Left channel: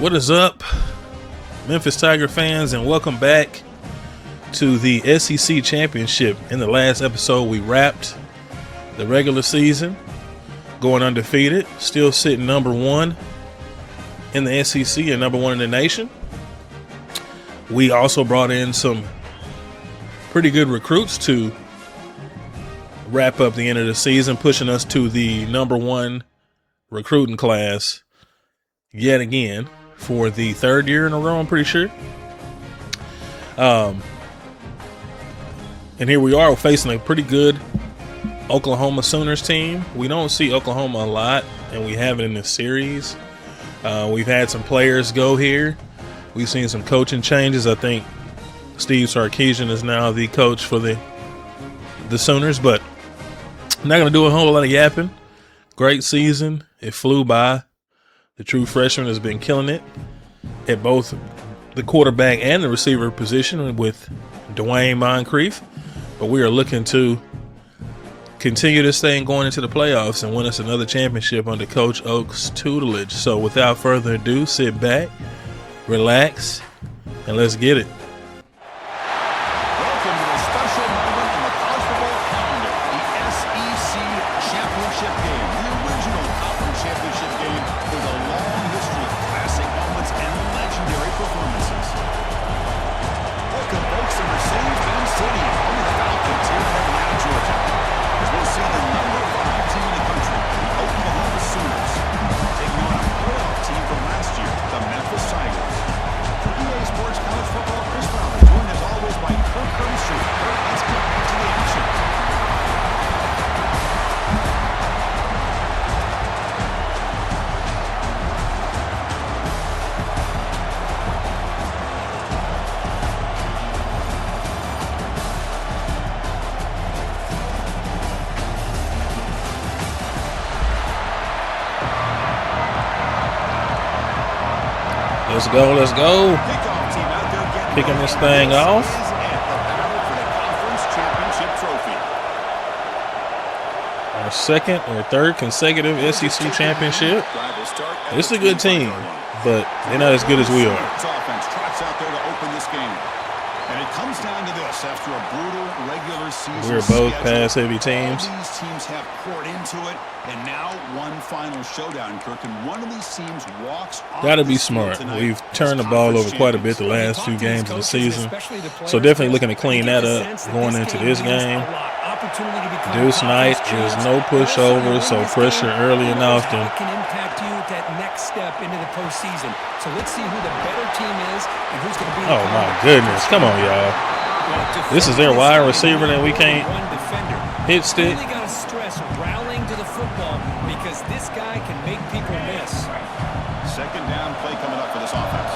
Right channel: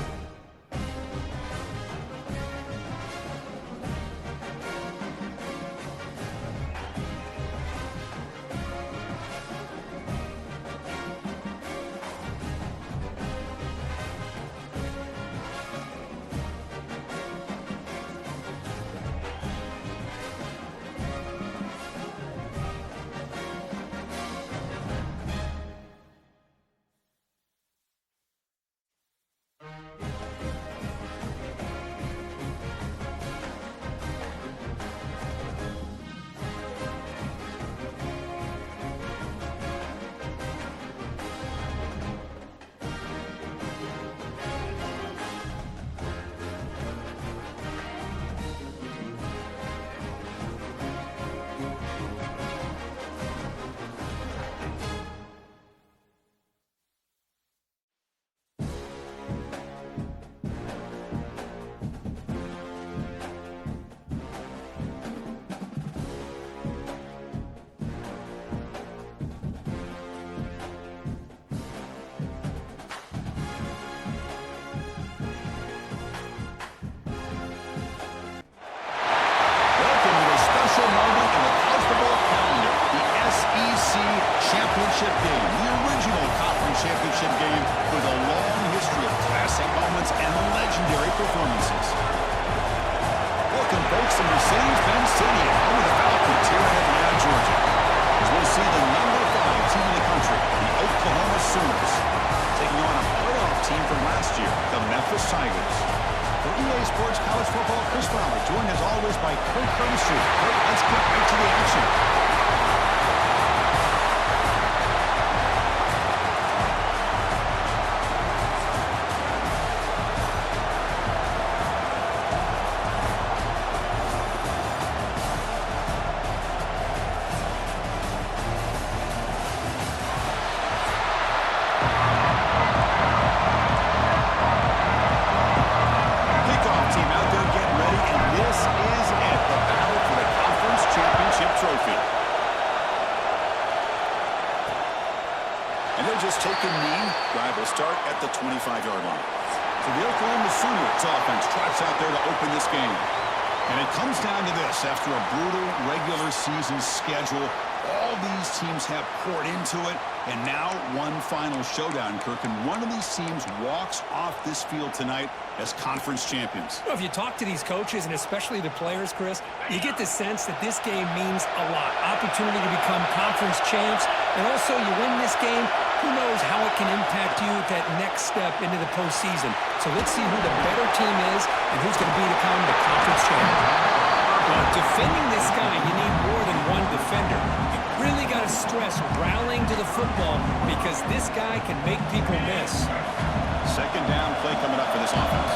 What is up, Memphis Tiger fans, and welcome back to the SEC Championship. In the last episode, we wrapped the regular season, going undefeated, still sitting number one in the SEC and number one in the nation. We also brought in some pretty good recruits to wrap up the end of the season, pushing us to the number one recruiting class yet again for the third year in a row, I'm pretty sure. And here we are facing a pretty good Oklahoma Sooners team. We don't see Oklahoma a lot, and we have it in this series. We've had some players go here. We've seen some coaching changes. I think Steve Sarkisian is now the coach for the Sooners, but I'm not going to do a whole lot of yapping. Great season. It flew by. The true freshman has been killing it at both the quarterback and the receiver position with Dwayne Moncrief. But we are looking to continue this thing going into the playoffs and win us another championship under Coach Oak's tutelage. So without further ado, sit back, relax, and let's get it. Welcome to a special moment in the college football calendar, the SEC Championship game, the original conference championship game with a long history of classic moments and legendary performances. Welcome, folks, to Mercedes-Benz Stadium, home of the Falcons here in Atlanta, Georgia, as we'll see the number 5 team in the country, the Oklahoma Sooners, taking on a playoff team from last year, the Memphis Tigers. For EA Sports College Football, Chris Fowler, joined as always by Kirk Hermstreet. Kirk, let's get back to the action. Let's go. Kickoff team out there getting Kicking ready, this thing off. This is it, the battle for the conference championship trophy. Our second or third consecutive SEC championship. This is a good team, but they're not as good as we are. Offense trots out there to open this game. And it comes down to this. After a brutal regular season We're both schedule, pass-heavy teams. all these teams have poured into it, and now one final showdown, Kirk, and one of these teams walks off Got to be this field smart. tonight. We've turned the ball over quite a bit the last few games of the season. So definitely looking to clean that up going into this game. This night, there's no pushover, so pressure early and often. How it can impact you at that next step into the postseason. So let's see who the better team is and who's going to be the Oh my goodness, come on, y'all. This is their wide receiver that we can't hit stick. Really got to stress rallying to the football because this guy can make people miss. Second down play coming up for this offense.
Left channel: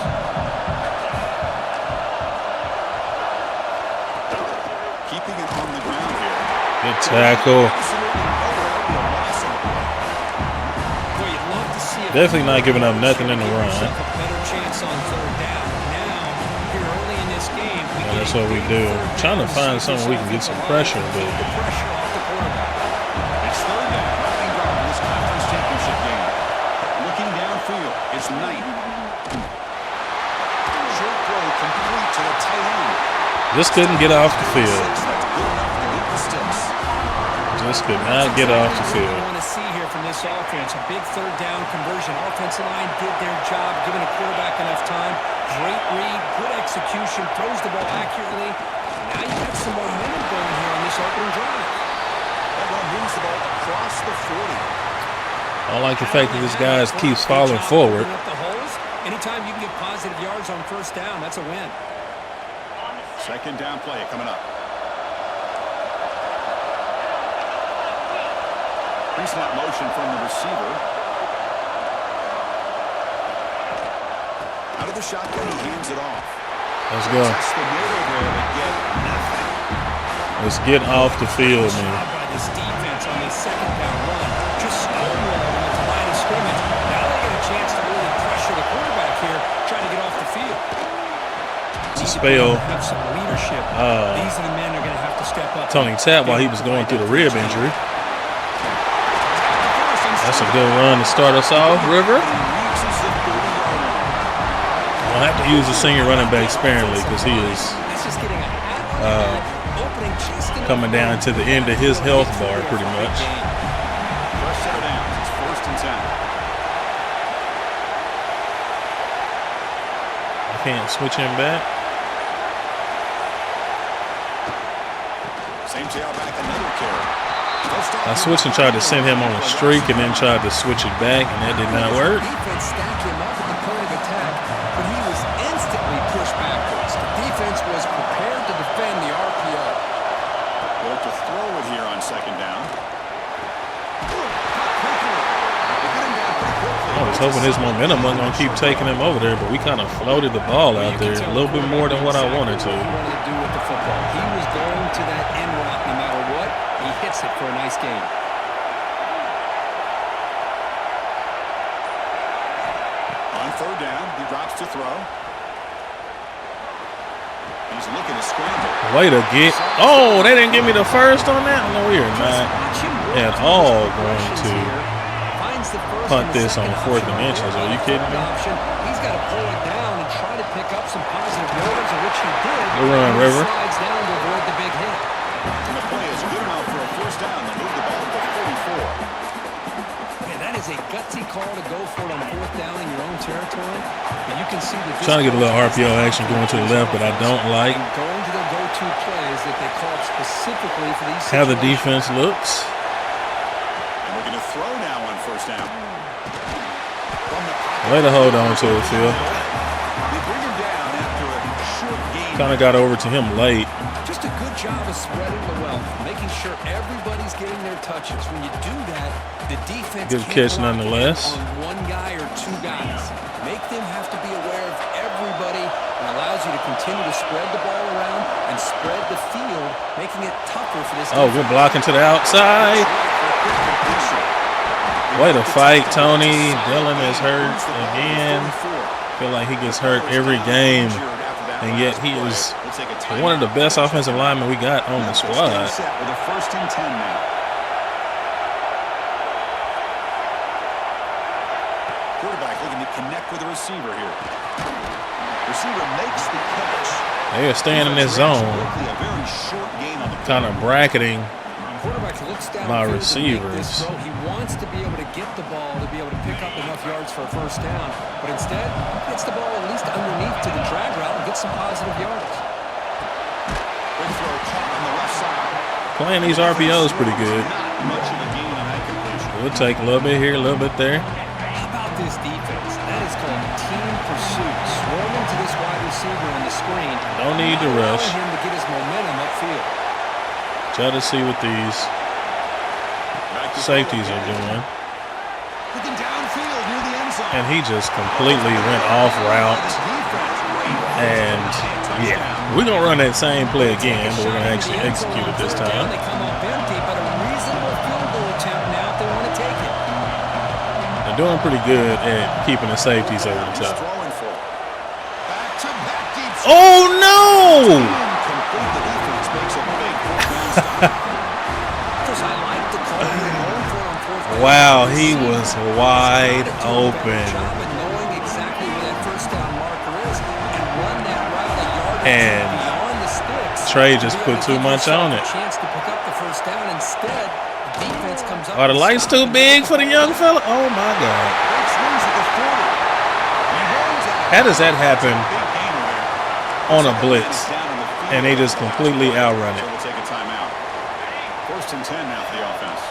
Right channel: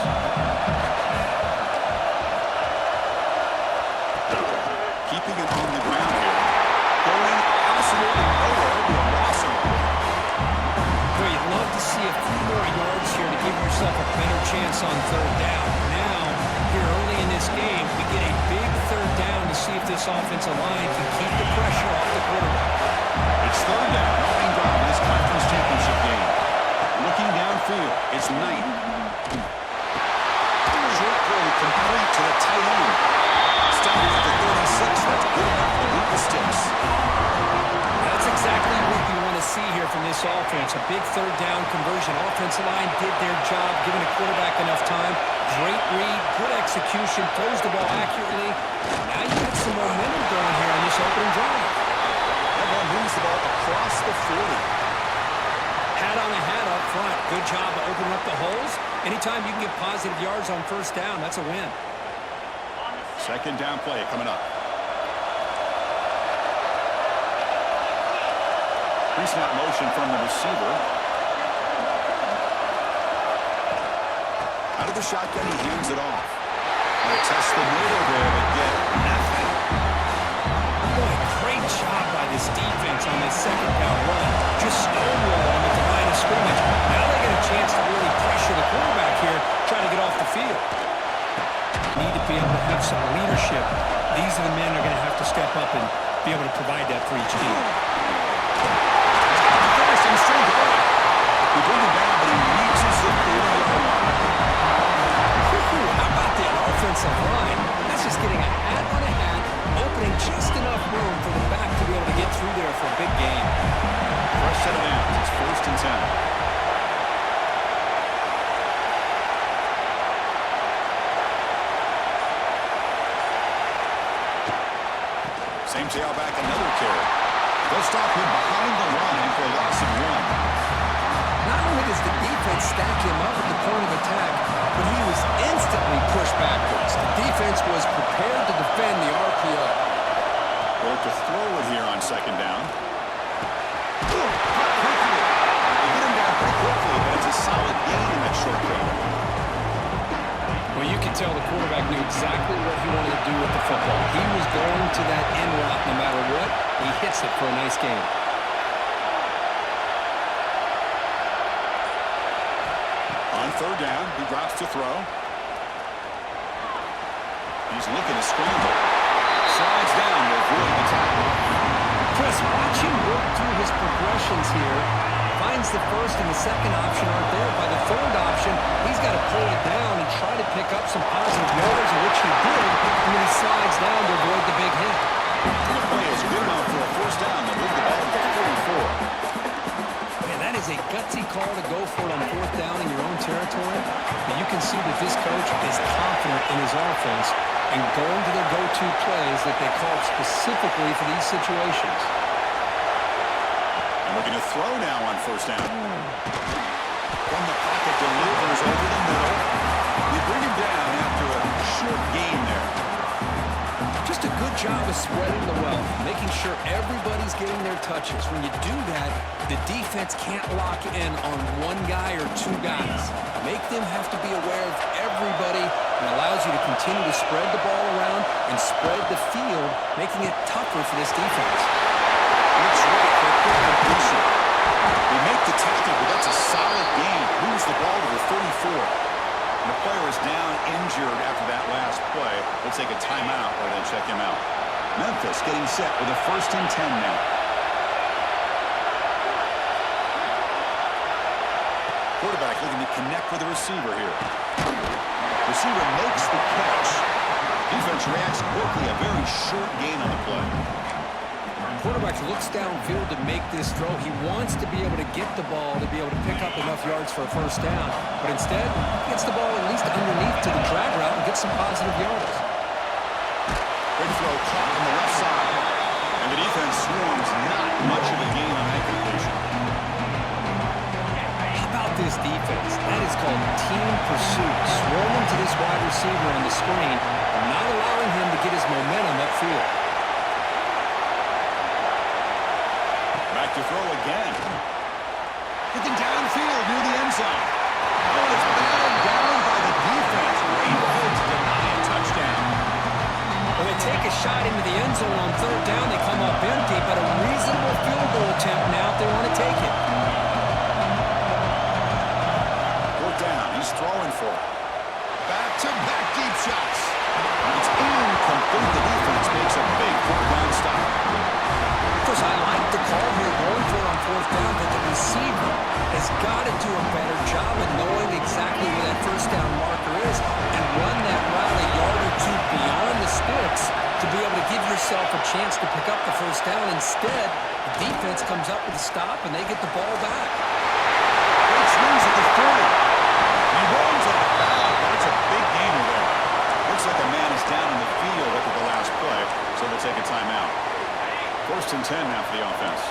Keeping it on the ground here. Good tackle. Absolutely nowhere to be a loss on the play. Boy, you'd love to see it. Definitely not giving up nothing in the give run. yourself a better chance on third down. Now, here early in this game, we get That's a what we big do. third Trying down to to find see if this something we can get some offensive line pressure. can keep the pressure off the quarterback. It's third down, opening drive in this conference championship game. Looking downfield, it's Knight. Short throw complete to the tight end. Just couldn't get off the field. That's good enough to beat the sticks. Just could That's not get off the exactly what field. we want to see here from this offense. A big third down conversion. Offensive line did their job, giving a quarterback enough time. Great read, good execution, throws the ball accurately. Now you got some momentum going here on this opening drive. Everyone moves the ball across the 40. I like the fact that this guy keeps falling forward. Up the holes. Anytime you can get positive yards on first down, that's a win. Second down play coming up. Pre-snap motion from the receiver. Out of the shotgun, he hands it off. Let's go. Test the middle there, but get nothing. Let's get off the field, Great man. job by this defense on this second down run. Just stonewalled them at the line of scrimmage. Now they get a chance to really pressure the quarterback here, try to get off the field. Need to be able to have some leadership. These are the men who are going to have to step up. Tony Tap while he was going through the rib injury. That's a good run to start us off, River. He reaches the 30-yard line. use the senior running back sparingly because he is That's just getting a hat on a hat, opening just enough coming down to the end of his health bar pretty much. Fresh set of downs. It's 1st and 10. Can't switch him back. Same tailback, another carry. I switched and tried to send him on a streak and then tried to switch it back, and it did not work. The defense stacked him up at the point of attack, but he was instantly pushed backwards. The defense was prepared to defend the RPO. We'll look to throw it here on 2nd down. Cut quickly. They get him down pretty quickly. I was hoping his momentum wasn't going to keep taking him over there, but we kind of floated the ball out there a little bit more than what I wanted to. What he wanted to do with the football. He was going to that in route no matter what. He hits it for a nice gain. On 3rd down, he drops to throw. He's looking to scramble. Way to get. Oh, they didn't give me the first on that? No, weird, Just man. watch him work That's through all his going progressions to here. Finds the first punt and the this second on 4th option aren't dimensions. there. By Are you the kidding? 3rd option, he's got to pull it down and try to pick up some positive yards, of which he did. We're on, He River. slides down to avoid the big hit. And the play is good enough for a 1st down. They'll move the ball to the 44. Man, that is a gutsy call to go for it on 4th down in your own territory. But you can see that this Trying to get a little coach is RPO action going to the left, but I confident don't like and going to their go-to plays that they call specifically for these how situations. the defense looks. And looking to throw now on 1st down. From the pocket. Way to hold on to it, Phil. They bring him down after a short gain. Kind of got over to him late. Just a good job of spreading the wealth, making sure everybody's getting their touches. When you do that, the defense Good can't catch lock in nonetheless. on one guy or 2 guys. Make them have to be aware of everybody and allows you to continue to spread the ball around and spread the field, making it tougher for this Oh, defense. good blocking to the outside. Way to fight, Tony. Dylan is hurt again. Feel like he gets hurt every game, and yet he is one of the best offensive linemen we got on the Memphis squad. getting set with a 1st and 10 now. Quarterback looking to connect with the receiver here. Receiver makes the catch. They are staying in this Defense zone, reacts quickly, a very short gain on the play. kind of bracketing. Quarterback looks downfield to make this throw. He wants to be able to get the ball to be able to pick up enough yards for a 1st down, but instead he gets the ball at least underneath to the drag route and gets some positive yardage. Big throw caught on the left side. Playing these RPOs pretty good. Not much of a gain on that completion. We'll take a little bit here, a little bit there. How about this defense? That is called team pursuit. Swarming to this wide receiver on the screen. No need to not allowing rush. him to get his momentum upfield. Try to see what these Back to safeties throw are again. doing. Looking downfield near the end zone. And he just completely went off route. The defense, great And touchdown. we're going to run that same play They again. take a But shot we're into the actually end zone execute on it this 3rd down. They time. come up empty, but a reasonable field goal attempt now if they want to take it. They're doing pretty good at keeping the safeties at the He's top. throwing for it. Back-to-back deep shot. Oh, no! Incomplete. The defense makes a big fourth down stop. Of course, I like the call here going for it on 4th down. Wow, The he receiver was has wide gotta do a better open. job of knowing exactly where that 1st down marker is and run that route a yard or And two beyond the sticks. Trey to just be put able to too give much yourself on it. A chance to pick up the 1st down. Instead, the defense comes up. Are the and lights stops too and they big get for the ball young back. fella? Oh, my God. Great swings at the 40. He runs at it. How does that happen Big gainer there. on a Looks like the man blitz? is down in the field And they over just the last completely play. outrun it. So we'll take a timeout. 1st and 10 now for the offense.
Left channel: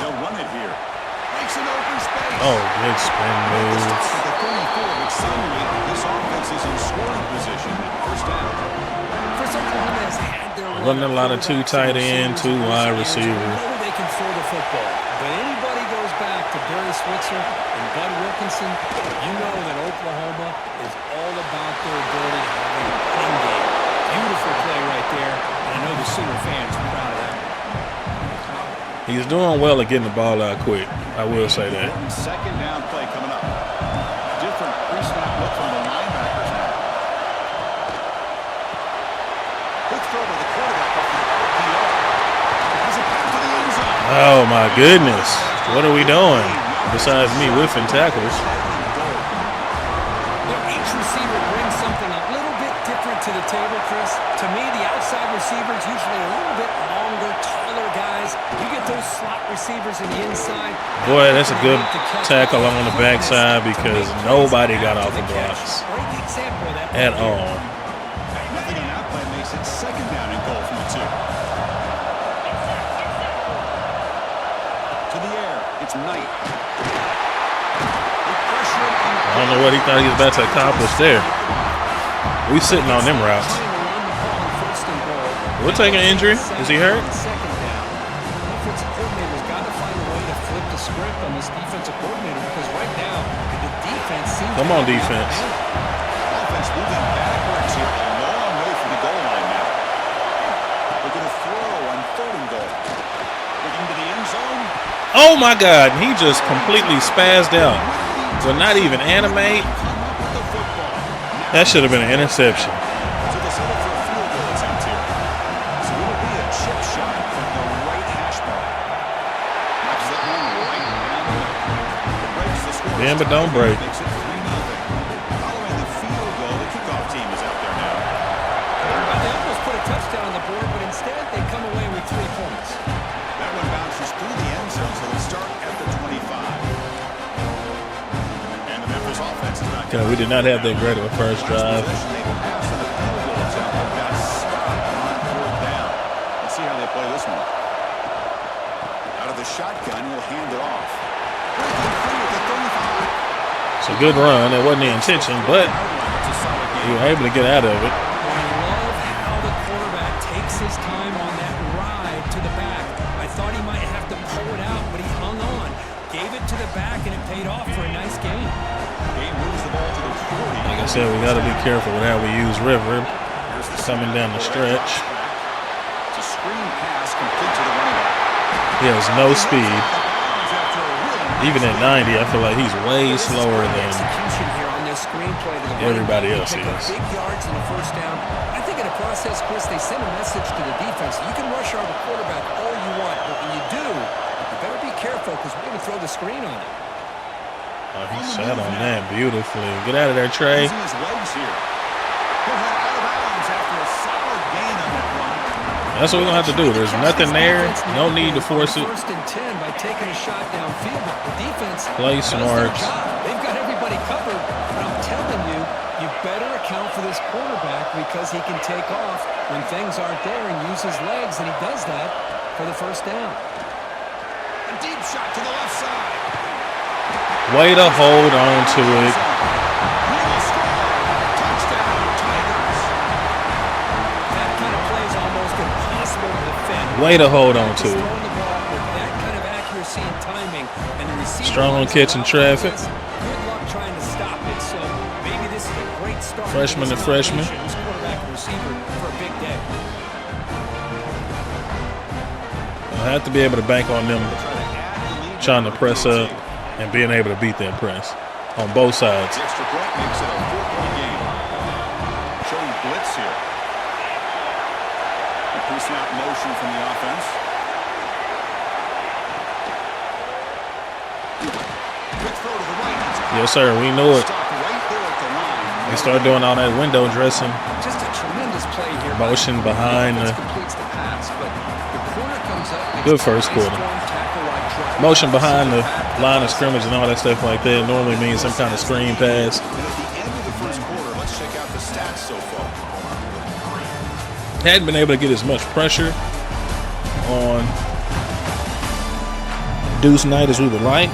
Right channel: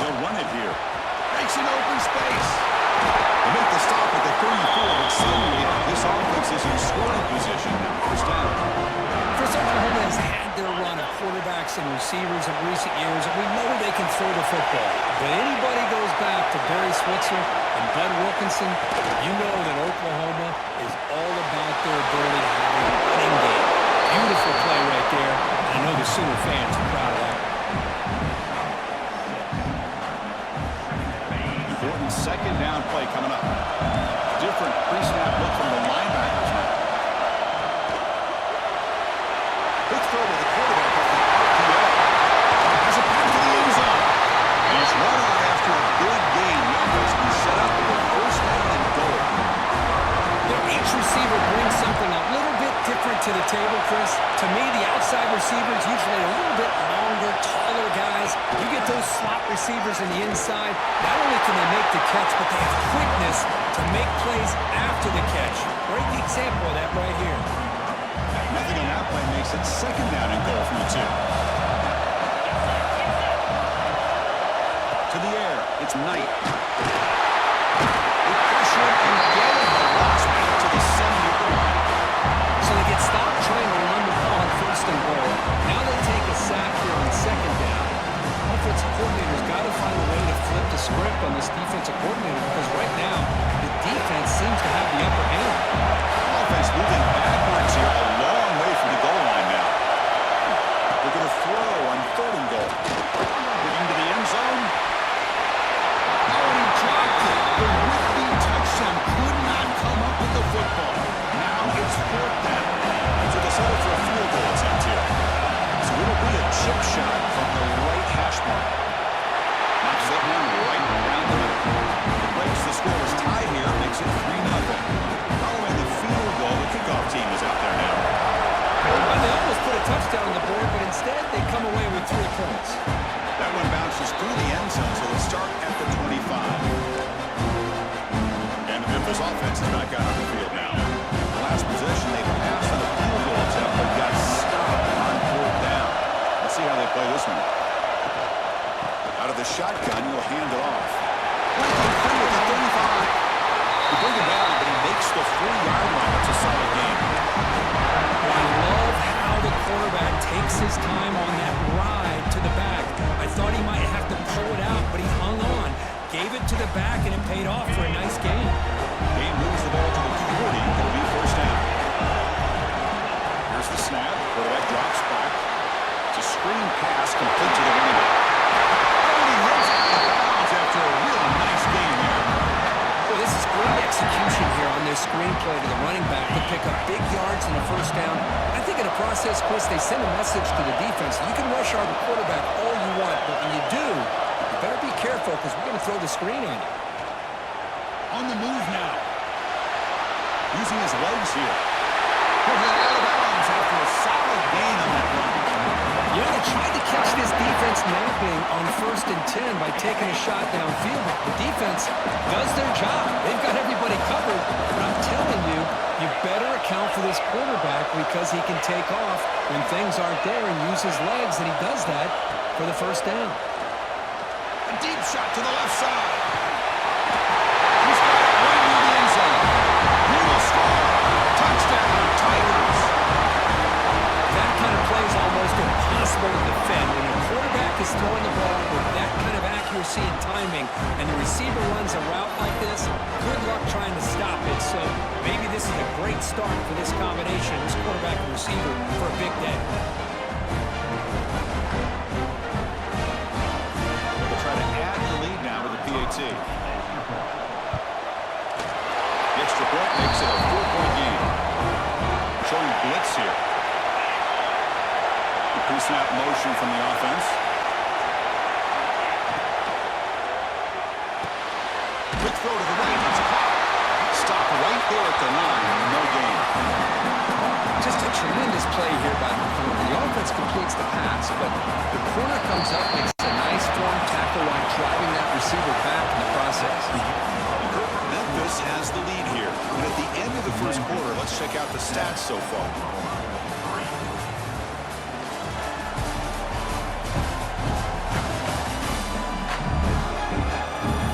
They'll run it here. Breaks an open space. Oh, big spin They make the stop move. at the 34, but suddenly this offense is in scoring position now. 1st down. First, Oklahoma has had their run Running of a lot of two quarterbacks and tight end, receivers two in wide recent years, and we receiver. know they can throw the football. But anybody goes back to Barry Switzer and Bud Wilkinson, you know that Oklahoma is all about their ability to have a running game. Beautiful play right there, and I know the Sooner fans are proud of that. He's doing well at getting the ball out quick. I will say that. Important 2nd down play coming up. Different pre-snap look from the linebackers now. Quick throw to the quarterback off the RPO. Has a pass to the end zone. Oh, my goodness. shot. What are we doing besides me whiffing tackles? Each receiver brings something a little bit different to the table, Chris. To me, the outside receivers usually a little bit longer, taller guys. You get those slot receivers in the inside. Boy, that's a good tackle on the backside because nobody got off the catch. Great example of that at all. Nothing on that play makes it second down and goal from the 2. To the air, it's Knight. I don't know what he thought he was about to accomplish there. We sitting on them routes. We're taking an injury. Is he hurt? Second down. Offensive coordinator's got to find a way to flip the script on this defensive coordinator because right now the defense seems to have the upper hand. Offense moving backwards here a long way from the goal line now. They're going to throw on 3rd and goal. Looking to the end zone. Oh my God! He just completely spazzed out. So not even animate. That should have been an interception. So they'll settle for a field goal attempt here. So it'll be a chip shot from the right hash mark. Knocks that one right down the middle. It breaks the score. Damn, but don't break. Makes it 3-0. Following the field goal, the kickoff team is out there now. Well, they almost put a touchdown on the board, but instead they come away with 3 points. That one bounces through the end zone, so they'll start at the 25. And the Memphis offense is back. We did not have the regular first Last drive. possession, they passed on a field goal attempt, but got stopped on 4th down. Let's see how they play this one. Out of the shotgun, he'll hand it off. Breaking free at the 35. It's a good run. That wasn't the intention, but you were able to get out of it. I love how the quarterback takes his time on that ride to the back. I thought he might have to pull it out, but he hung on. Gave it to the back, and it paid off for a nice gain. Game moves the ball to the 40. Like I said, we got to be careful with how we use River. Here's the coming down the stretch. It's a screen pass complete to the running back. He has no speed. Even at 90, I feel like he's way slower than execution here on this screenplay to the running back. everybody They else pick up is. big yards in the first down. I think in the process, Chris, they send a message to the defense. You can rush our quarterback all you want, but when you do, you better be careful because we're going to throw the screen on you. He shot him down beautifully. Get out of there, Trey. Using his legs here. He'll head out of bounds after a solid gain on that run. That's what we're going to have to do. There's nothing there. No need to force it. First and 10 by taking a shot downfield. The defense Play does their smart. job. They've got everybody covered. But I'm telling you, you better account for this quarterback because he can take off when things aren't there and use his legs, and he does that for the first down. A deep shot to the left side. Way to hold on to it. He will score. Touchdown, Tigers. That kind of play is almost impossible to defend. Way to hold on to Just it. throwing the ball with that kind of accuracy and timing, and the receiver Strong runs a catching route traffic. like this, good luck trying to stop it. So maybe this is a great start Freshman for this to freshman. combination, this quarterback and receiver for a big day. I have to be able to bank on them Try to add the lead trying to now press the up and being able to beat that press on both sides. The extra point makes it a 4-point game. Showing blitz here. A pre-snap motion from the offense. Quick throw to the right. Yes, sir. We knew it. Stop right there at the line. We started doing all that window dressing. Just a tremendous play here. Motion behind the the- offense completes the pass, but the corner comes up, makes Good a first nice quarter. form tackle while driving Motion the behind the receiver back to line of process. scrimmage and all that stuff like that normally means some kind of screen pass. And at the end of the first quarter, let's check out the stats so far. Hadn't been able to get as much pressure on Deuce Knight as we would like,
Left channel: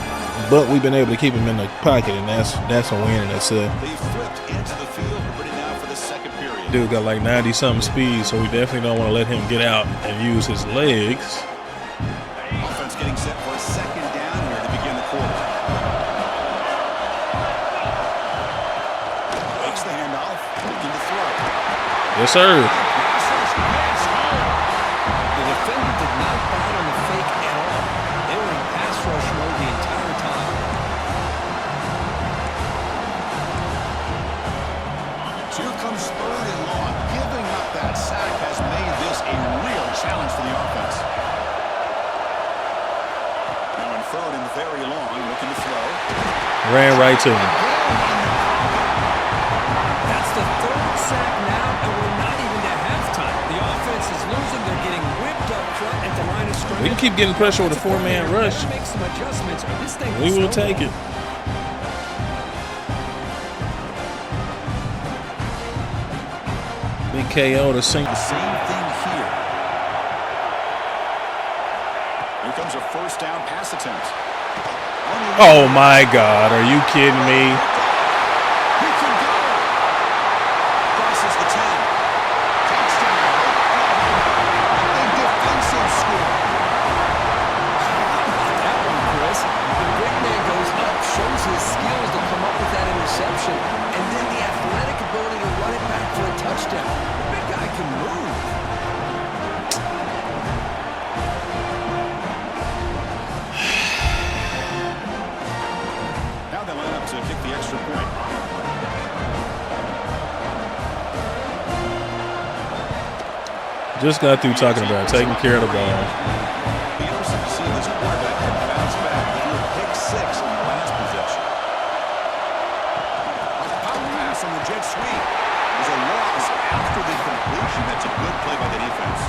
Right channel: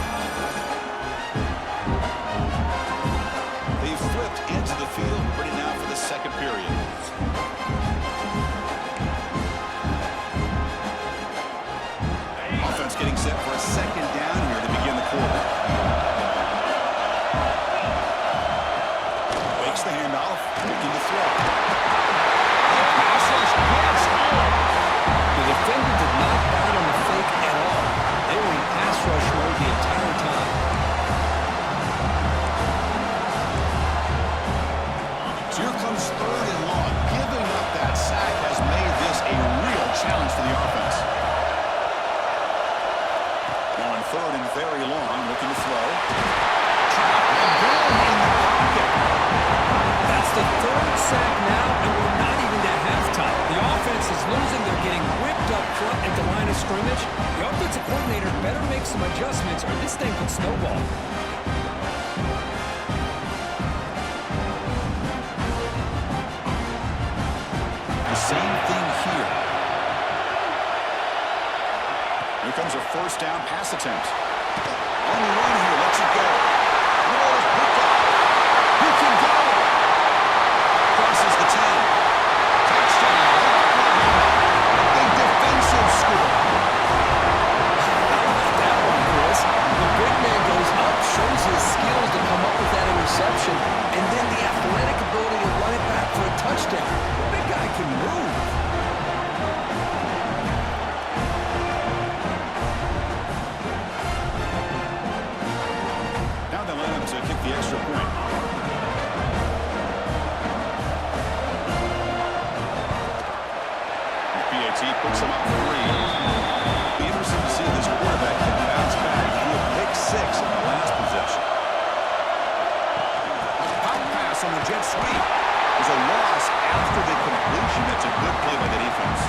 but we've been able to keep him in the pocket, and that's a win in itself. They flipped into the field, ready now for the second period. Dude got like 90-something speed, so we definitely don't want to let him get out and use his legs. Offense getting set for a second down here to begin the quarter. Fakes the handoff, looking to throw. Yes, sir. Pass rush gets home. The defender did not bite on the fake at all. They were in pass rush mode the entire time. So here comes 3rd and long. Giving up that sack has made this a real challenge for the offense. Now in 3rd and very long, looking to throw. Ran right to him. Again in the pocket. That's the 3rd sack now, and we're not even to halftime. The offense is losing. They're getting whipped up front at the line of scrimmage. We keep getting pressure with a 4-man rush. Better make some adjustments, or this thing We will take it. Big KO to sink. The same thing here. Here comes a 1st down pass attempt. Oh my God! Are you kidding me? He can go. Crosses the 10. Touchdown, Oklahoma. A big defensive score. How about that one, Chris? The big man goes up, shows his skills to come up with that interception, and then the athletic ability to run it back for a touchdown. The big guy can move. Now they line up to kick the extra point. Just got through talking about taking care of the ball. Be interesting to see if this quarterback can bounce back. He threw a pick 6 in the last possession. A pop pass on the jet sweep. There's a loss after the completion. That's a good play by the defense.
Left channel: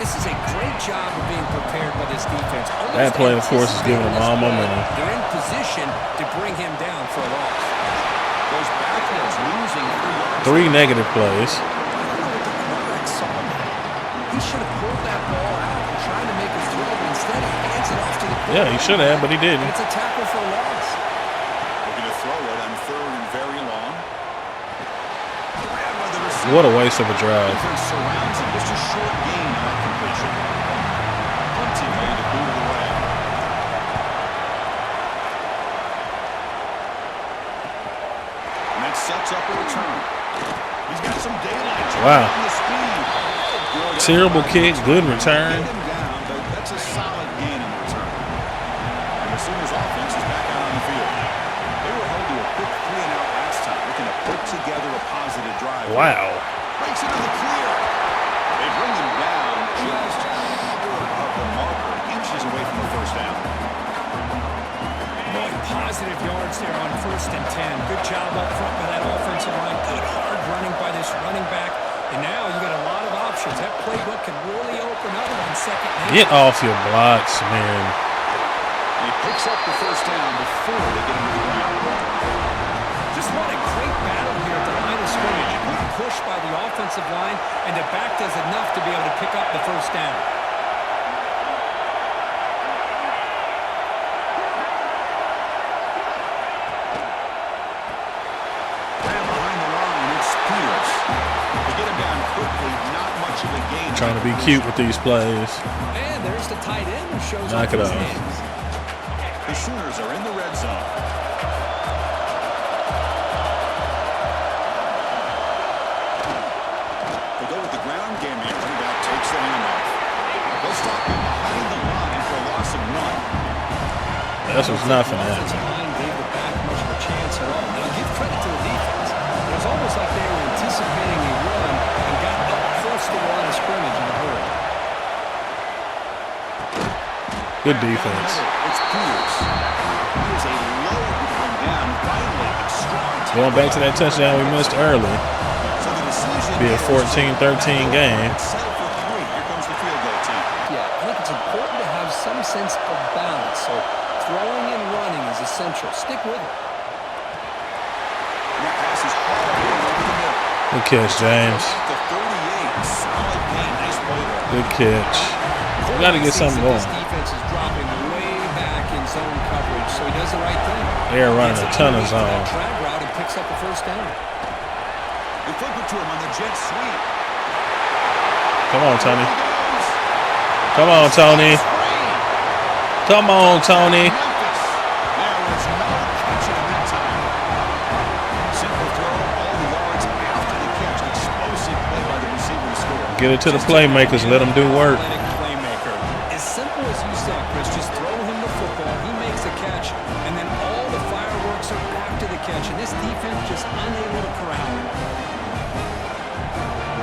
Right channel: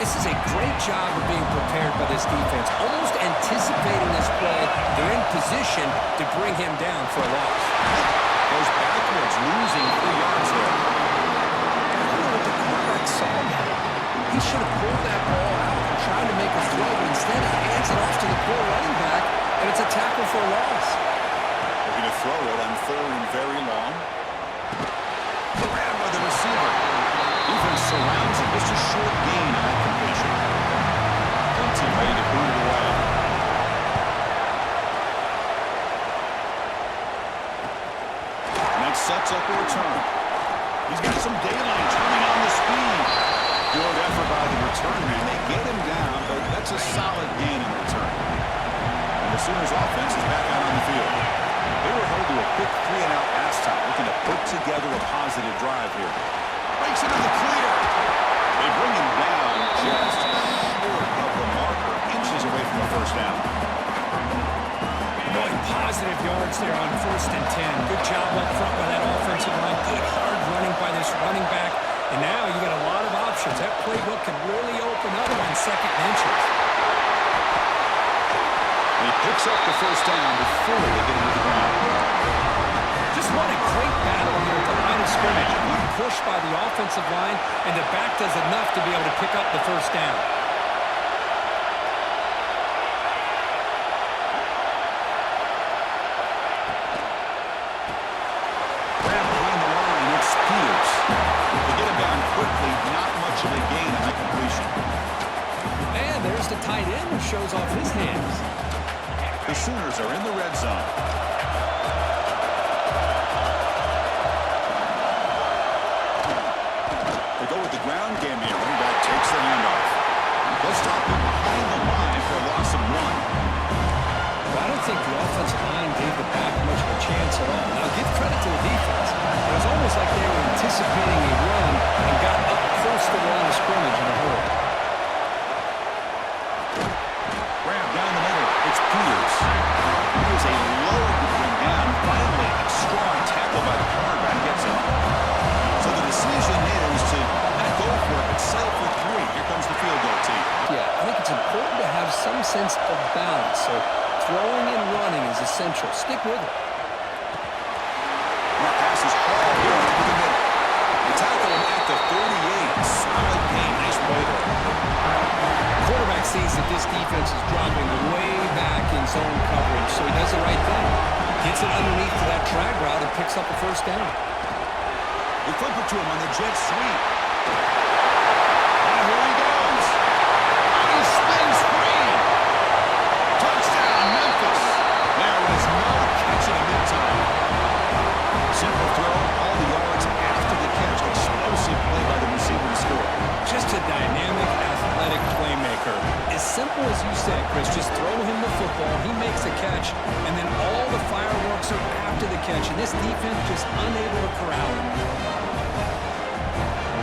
This is a great job of being prepared by this defense. Almost That play, of course, is anticipating doing this all play. momentum. They're in position to bring him down for a loss. Goes backwards, losing 3 yards. 3 negative plays. I don't know what the quarterback saw now. He should have pulled that ball out and tried to make a throw, but instead he hands it off to the quarterback. Yeah, he should have, but he didn't. And it's a tackle for a loss. Looking to throw it on 3rd and very long. Grabbed by the receiver. What a waste of a drive. Defense surrounds him. Just a short gain on that completion. Plenty ready to boot it away. And that sets up a return. He's got some daylight trying on the speed. Good Terrible effort by kick, the good return. return. Get him down, but that's a solid gain in the return. And the Sooners offense is back out on the field. They were held to a quick 3-and-out last time, looking to put together a positive drive. Wow. Breaks into the clear. They bring him down just short of the marker, inches away from a 1st down. Boy, positive yards there on 1st and 10. Good job up front by that offensive line. Good hard running by this running back. And now you got a lot of options. That playbook can really open up on 2nd and Get off your blocks, man. And he picks up the 1st down before they get him to the ground. Just what a great battle here at the line of scrimmage. Good push by the offensive line, and the back does enough to be able to pick up the 1st down. Grab behind the line, it's Peters. They get him down quickly, not much of a gain. Trying to be cute with these plays. And there's the tight end who shows off Knock it his off. hands. The Sooners are in the red zone. They go with the ground game here. Running back takes the handoff. They'll stop him behind the line for a loss of 1. That's I don't what's think nothing. the offensive line gave the back much of a chance at all. Now, give credit to the defense. It was almost like they were anticipating a run and got up close to the line of scrimmage in a hurry. Good Down the defense. middle, it's Peters. He is a load to bring down. Finally, a strong tackle. Going back to by that the touchdown we quarterback. missed early. So the decision Be a is 14-13 game. Settle for 3. Here comes the field goal team. Yeah, I think it's important to have some sense of balance. So throwing and running is essential. Stick with it. And that pass is hauled in over the middle. Good catch, James. At the 38. Solid gain. Nice play there. Good catch. Got to Quarterback get sees something that going. this defense is dropping way back in zone coverage, so he does the right thing. They're running Gets a it ton of underneath for that zone. drag route and picks up a 1st down. They flip it to him on the jet sweep. Come on, There Tony. he goes. Come on, Tony. Screen. Come on, Tony. Memphis. There was no catching him that time. Simple throw, all the yards after the catch. Explosive play by the receiver to score. Give it to the Just a playmakers. Let them do work. Athletic playmaker. As simple as you said, Chris, just throw him the football, he makes a catch, and then all the fireworks are after the catch, and this defense just unable to corral him.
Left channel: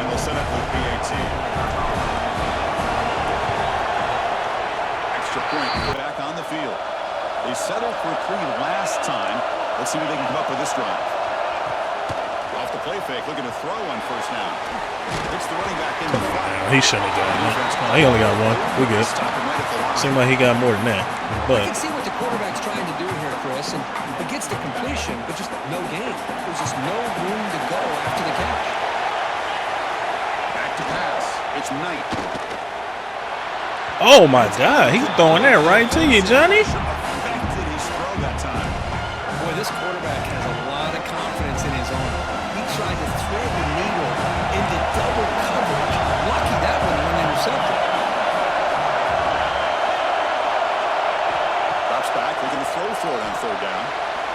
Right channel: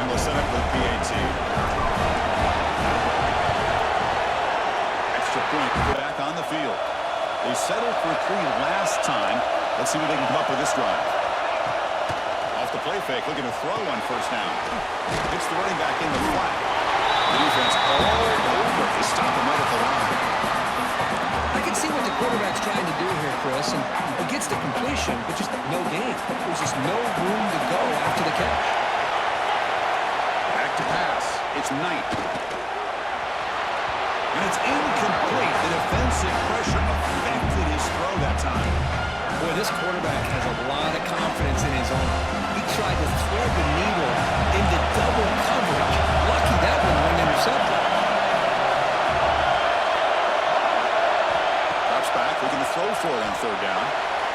And they'll set up with PAT. extra point. Back on the field. They settled for 3 last time. Let's see what they can come up with this drive. Off the play fake, looking to throw on first down. It's the running back in the flat. He shouldn't have The defense gone. They only got one. We're good. Stop him right at the line. Seemed like he got more than that. I can see what the quarterback's trying to do here, Chris, and he gets the completion, but just no gain. There's just no room to go after the catch. Back to pass. It's Knight. Oh my God, he's throwing that right to you, Johnny. Affected his throw that time. Boy, this quarterback has a lot of confidence in his arm. He tried to thread the needle into double coverage. Lucky that one wasn't intercepted. Drops back, looking to throw for it on third down.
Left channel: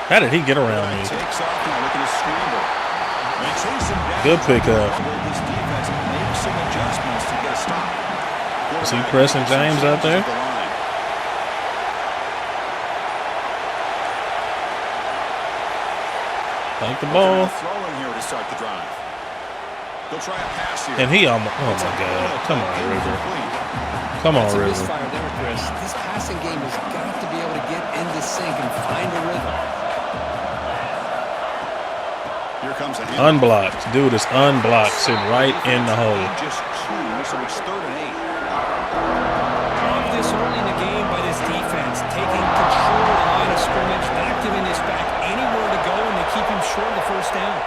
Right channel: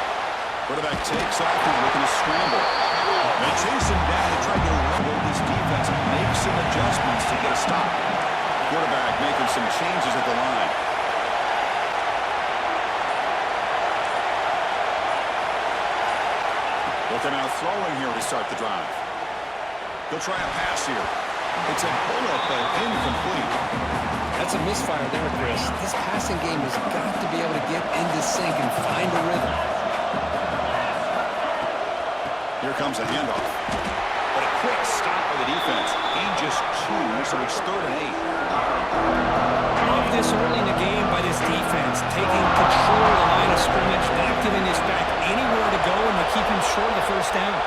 How did he get around Quarterback me? takes off now, looking to scramble. They chase him down. Good pickup. Will this defense make some adjustments to get a stop? See Quarterback Preston making some James out changes there? at the line. Like the Looking ball. at throwing here to start the drive. He'll try a pass here. And he almost. Oh It's a my God. bullet, Come but on. incomplete. Come on, That's a Ricky. misfire there, Chris. This passing game has got to be able to get into sync and find a rhythm. Here comes a hand. Unblocked. Dude is unblocked. Sitting right in the hole. Just 2, so it's 3rd and 8. Love this early in the game by this defense, taking control of the line of scrimmage, not giving this back anywhere to go, and they keep him short of the first down.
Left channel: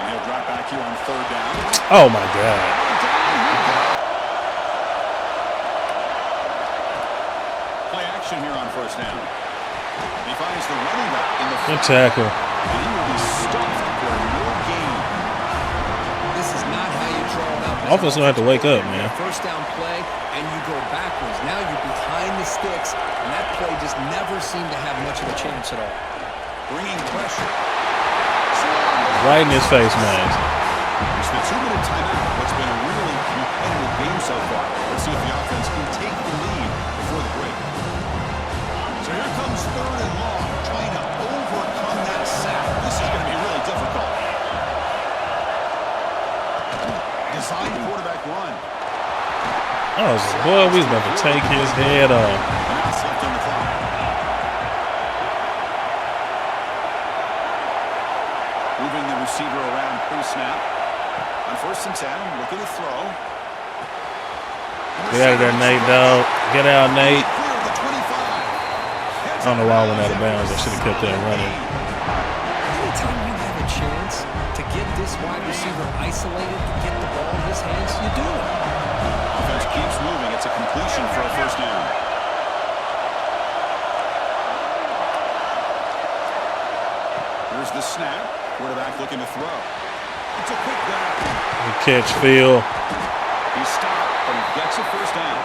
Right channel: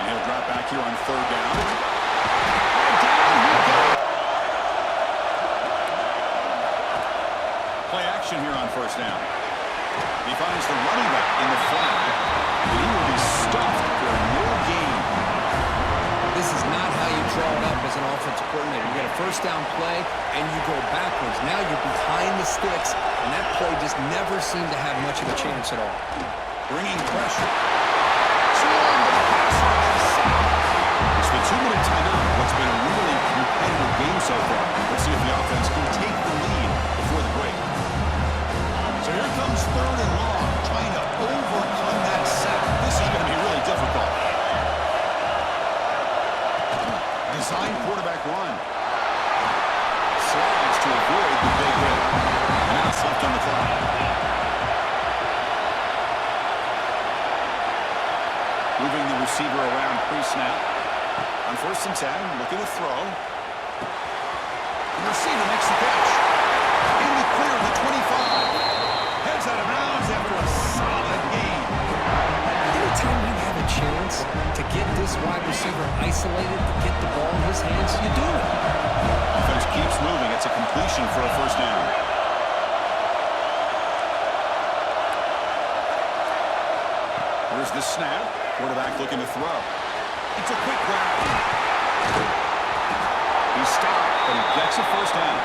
And he'll drop back here on 3rd down. Oh my God. Down he goes. Play action here on first down. He finds the running back in the Good flat. tackle. And he will be stuffed for no gain. This is not how you draw it up. As Offense an gonna have to wake up, offensive coordinator. You get a first down play, and you go backwards. Now you're behind the sticks, and that play just never seemed to have much of a chance at all. Bringing pressure. Right in his face, man. It's the 2-minute timeout. What's been a really competitive game so far. Let's see if the offense can take the lead before the break. So here comes 3rd and long, trying to overcome that sack. This is going to be really difficult. Design quarterback run. Oh, boy, we about to take his head off. And now it's left on the clock. Moving the receiver around pre-snap. On 1st and 10, looking to throw. Get out of there, Nate, dog. Get out, Nate. Clear the 25. Heads On out the of wall bounds and out of bounds. after a They should have kept that solid running. gain. Anytime you have a chance to get this wide receiver isolated, to get the ball in his hands, you do it. Offense keeps moving. It's a completion for a first down. Here's the snap. Quarterback looking to throw. It's a quick grab. Good catch, Phil. He's stopped, but he gets a first down.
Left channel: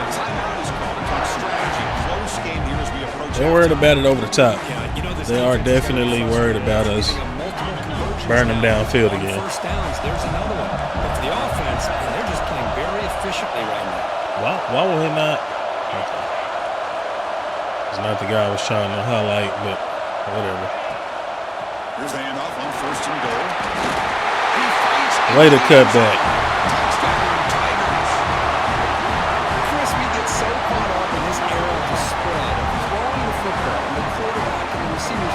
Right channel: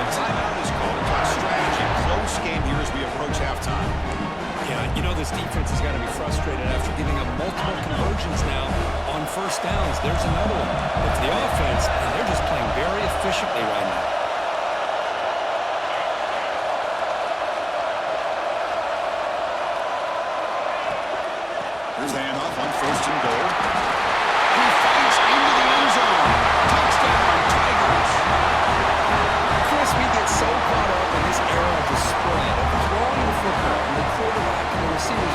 The timeout is called to talk strategy. Close game here as we approach They're worried halftime. about it over the top. Yeah, you know this They are defense is gonna be definitely worried frustrated about after us giving up multiple conversions burning now downfield on again. first downs. There's another one. But for the offense, and they're just playing very efficiently right now. Why will he not? It's not the guy I was trying to highlight, but whatever. Here's the handoff on 1st and goal. He fights. Way to cut that. Touchdown, Tigers. Chris, we get so caught up in this era of the spread, of throwing the football, and the quarterback and the receivers.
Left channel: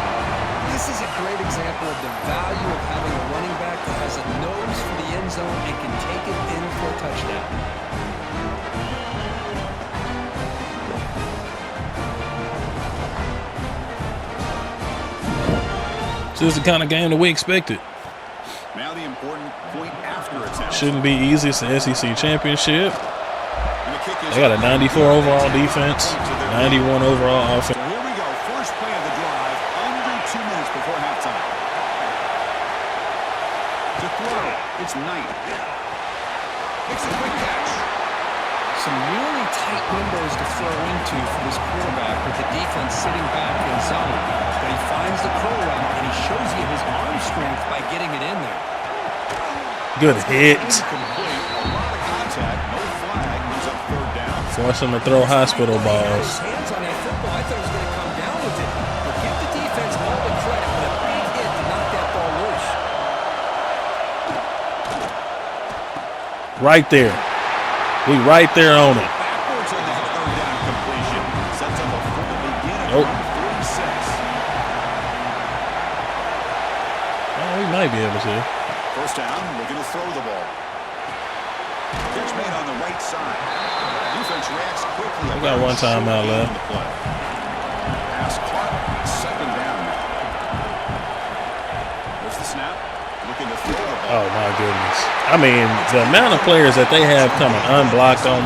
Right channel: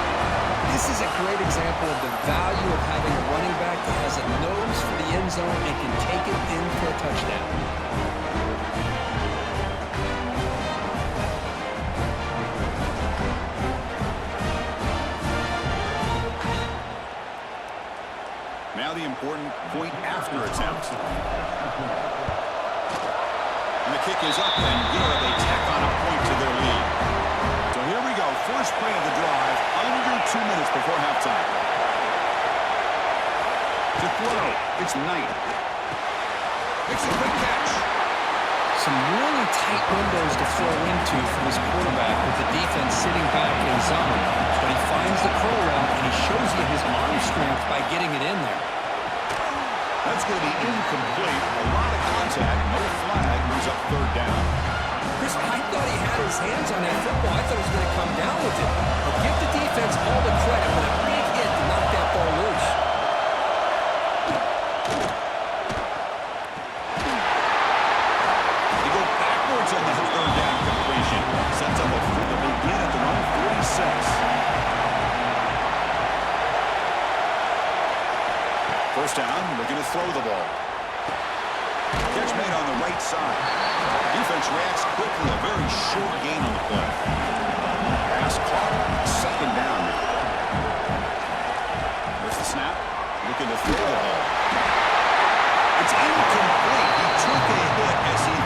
This is a great example of the value of having a running back that has a nose for the end zone and can take it in for a touchdown. This is the kind of game that we expected. Now the important point after attempt. Shouldn't be easy. It's the SEC championship. And the kick is They got a 94 overall defense, Point to their 91 lead. overall offense. So here we go. First play of the drive, under 2 minutes before halftime. To throw, it's Knight. Makes a quick catch. Some really tight windows to throw into for this quarterback with the defense sitting back in zone. But he finds the curl route, and he shows you his arm strength by getting it in there. Good hit. Incomplete. A lot of contact. No flag. Moves up 3rd down. Force him to throw hospital I thought he had his balls. hands on that football. I thought he was going to come down with it. But give the defense all the credit with a big hit to knock that ball loose. Right there. We right there on it. Backwards on that third down completion. Sets up a full to begin at the 46. We might be able to. First down, looking to throw the ball. Catch made on the right side. Defense reacts quickly. A very one time short out gain loud. on the play. Pass clock. Second down now. There's the snap. Looking to throw the ball. Oh, my goodness. I mean, the amount of players that they have coming unblocked on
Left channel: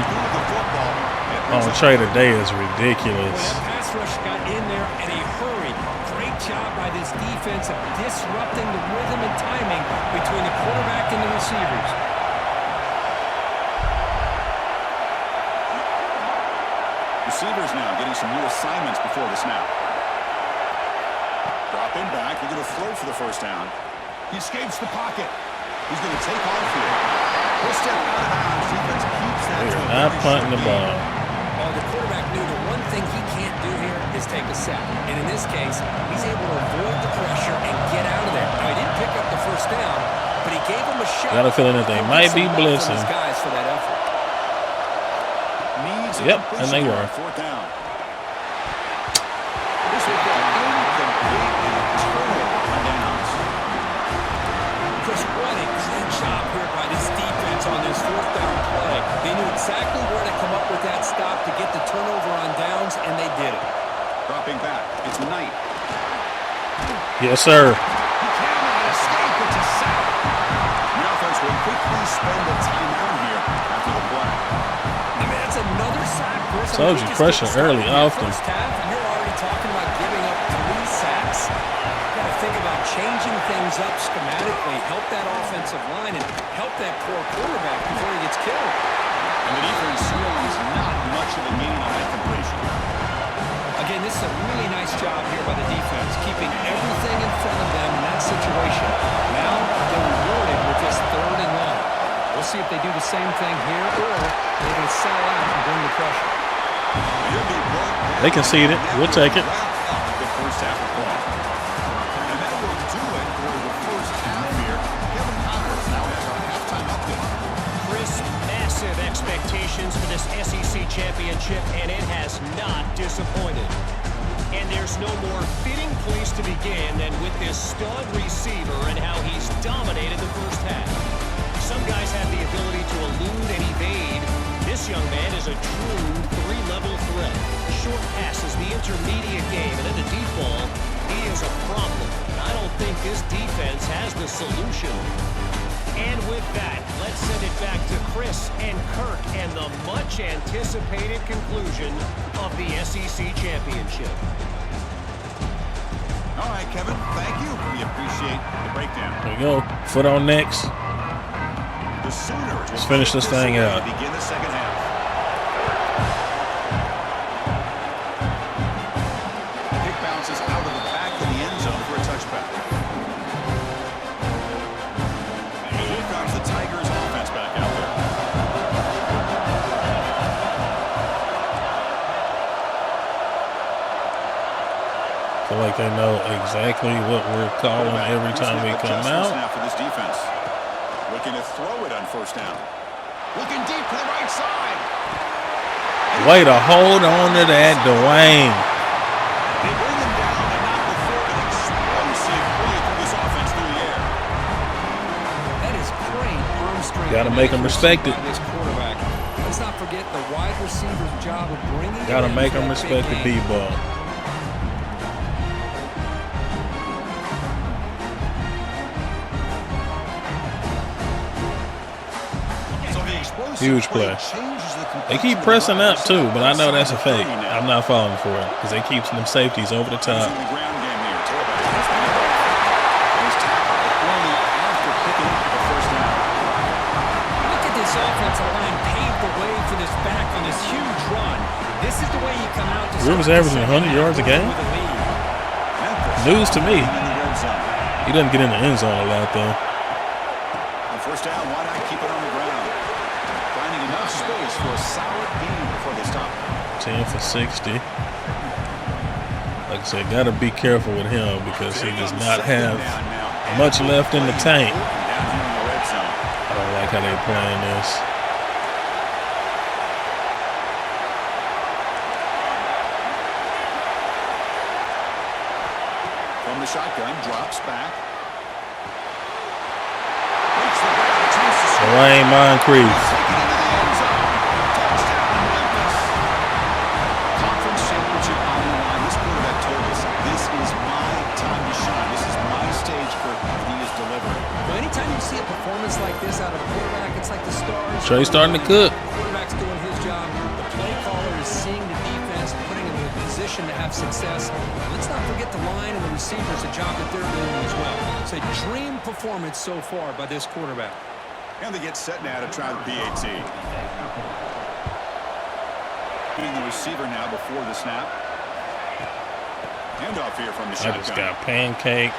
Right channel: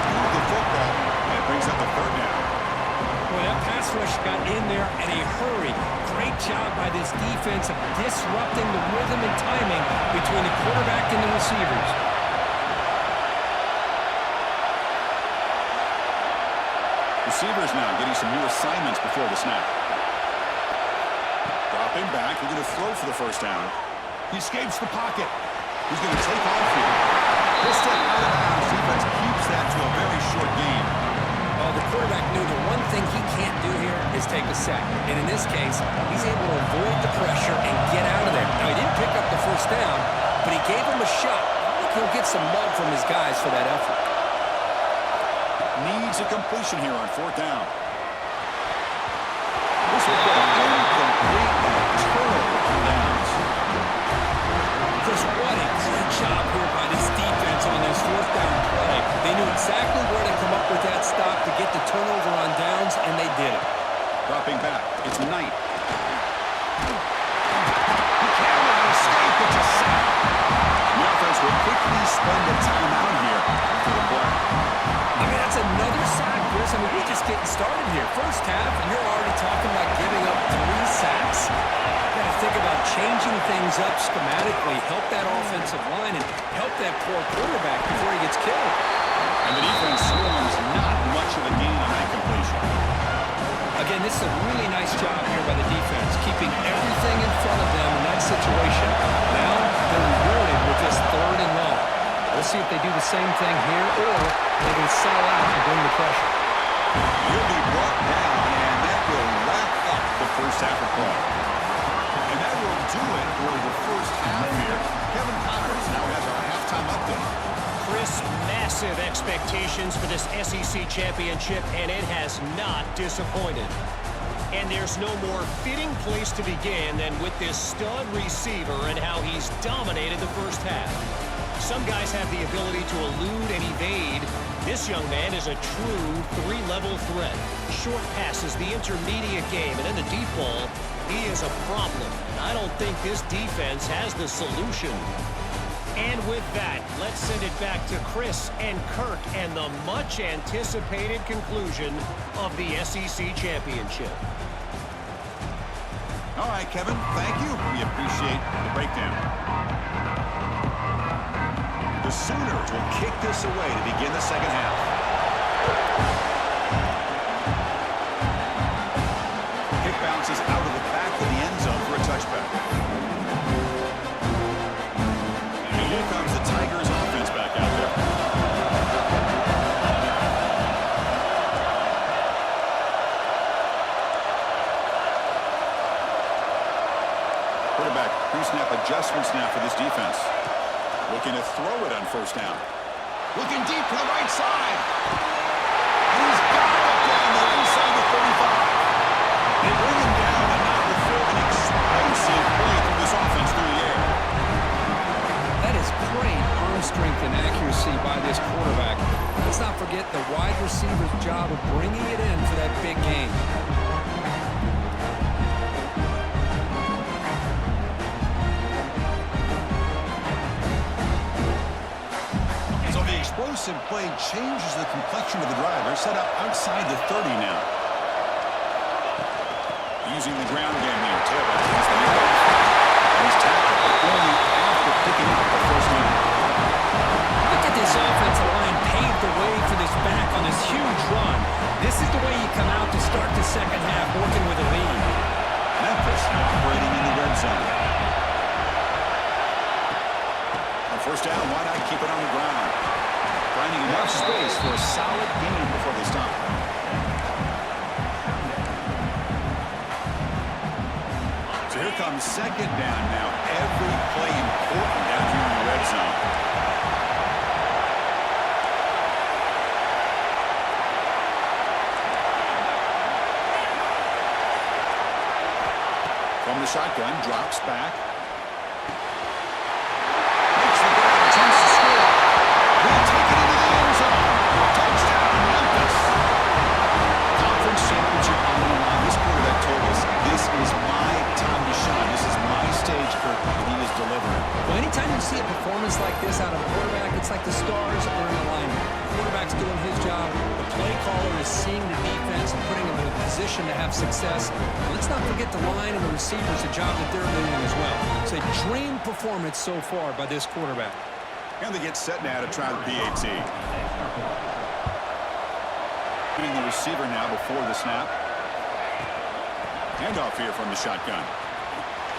trade today is ridiculous. Well, that pass rush got in there in a hurry. Great job by this defense of disrupting the rhythm and timing between the quarterback and the receivers. Receivers now getting some new assignments before the snap. Dropping back. We're going to throw for the first down. He escapes the pocket. He's going to take off here. He'll step out of bounds. Defense keeps that to a very short gain. Well, the quarterback knew the one thing he can't do here is take a sack. And in this case, he's able to avoid the pressure and get out of there. Now, he didn't pick up the first down, but he gave him a shot. Got a feeling that they might be blitzing. From his guys for that effort. Needs a completion here on fourth down. This will go incomplete and a turnover on downs. Chris, what a great job here by this defense on this fourth down play. They knew exactly where to come up with that stop to get the turnover on downs, and they did it. Dropping back. It's Knight. Yes, sir. He cannot escape. It's a sack. The offense will quickly spend a timeout here after the play. I mean, that's another sack, Chris. I mean, we just pressure early here. off. First half, and you're already talking about giving up 3 sacks. You got to think about changing things up schematically, help that offensive line, and help that poor quarterback before he gets killed. And the defense swarms not much of a gain on that completion. Again, this is a really nice job here by the defense, keeping everything in front of them in that situation. Now they're rewarded with this 3rd and long. We'll see if they do the same thing here, or they're going to sell out and bring the pressure. He'll be brought down. They concede it. We'll take it. Wrap up the first half of play. And that will do it for the first half here. Kevin Connors now has our halftime update. Chris, massive expectations for this SEC championship, and it has not disappointed. And there's no more fitting place to begin than with this stud receiver and how he's dominated the first half. Some guys have the ability to elude and evade. This young man is a true 3-level threat. Short passes, the intermediate game, and then the deep ball, he is a problem. And I don't think this defense has the solution. And with that, let's send it back to Chris and Kirk and the much-anticipated conclusion of the SEC championship. All right, Kevin, thank you. We appreciate the breakdown. There we go. Foot on next. The Sooners will finish this thing out. to begin the second half. Kick bounces out of the back of the end zone for a touchback. And here comes the Tigers offense back out there. I feel like they know exactly what we're calling every time we come out. Snap for this defense. Looking to throw it on first down. Looking deep to the right side. Way to hold on to that, Dwayne. They bring him down, but not before an explosive play through this offense through the air. That is great arm strength. Gotta make him respect it. By this quarterback. Let's not forget the wide receiver's job of bringing it in Gotta make for him that big respect the game. deep ball. Huge play. They keep pressing up too, but I know that's a fake. I'm not falling for it because they keep some safeties over the top. Using the ground game here. Tailback has the middle. And he's tackled, but only after picking up the first down. Look at this offensive line paved the way for this back on this huge run. This is the way you come out to start the second half with a lead. Memphis news to me. in the red zone. He doesn't get in the end zone a lot though. On first down, why not keep it on the ground? Finding enough space for a solid game before they stop. 10 for 60. Like I said, gotta be careful with him because he does not have much left in the tank. Down here in the red zone. I don't like how they're playing this. the shotgun, drops back. Makes the grab, attempts to score. Lane Moncrief. Take it into the end zone. Touchdown, Memphis. Conference championship on the line. This quarterback told us, this is my time to shine. This is my stage, Kirk, and he is delivering. Well, anytime you see a performance like this out of a quarterback, it's like the stars. Trey's starting to cook. The quarterback's doing his job. The play caller is seeing the defense and putting him in a position to have success. And let's not forget the line and the receivers, the job that they're doing as well. It's a dream performance so far by this quarterback. And they get set now to try the PAT. Getting the receiver now before the snap. Handoff here from the shotgun. Got pancaked.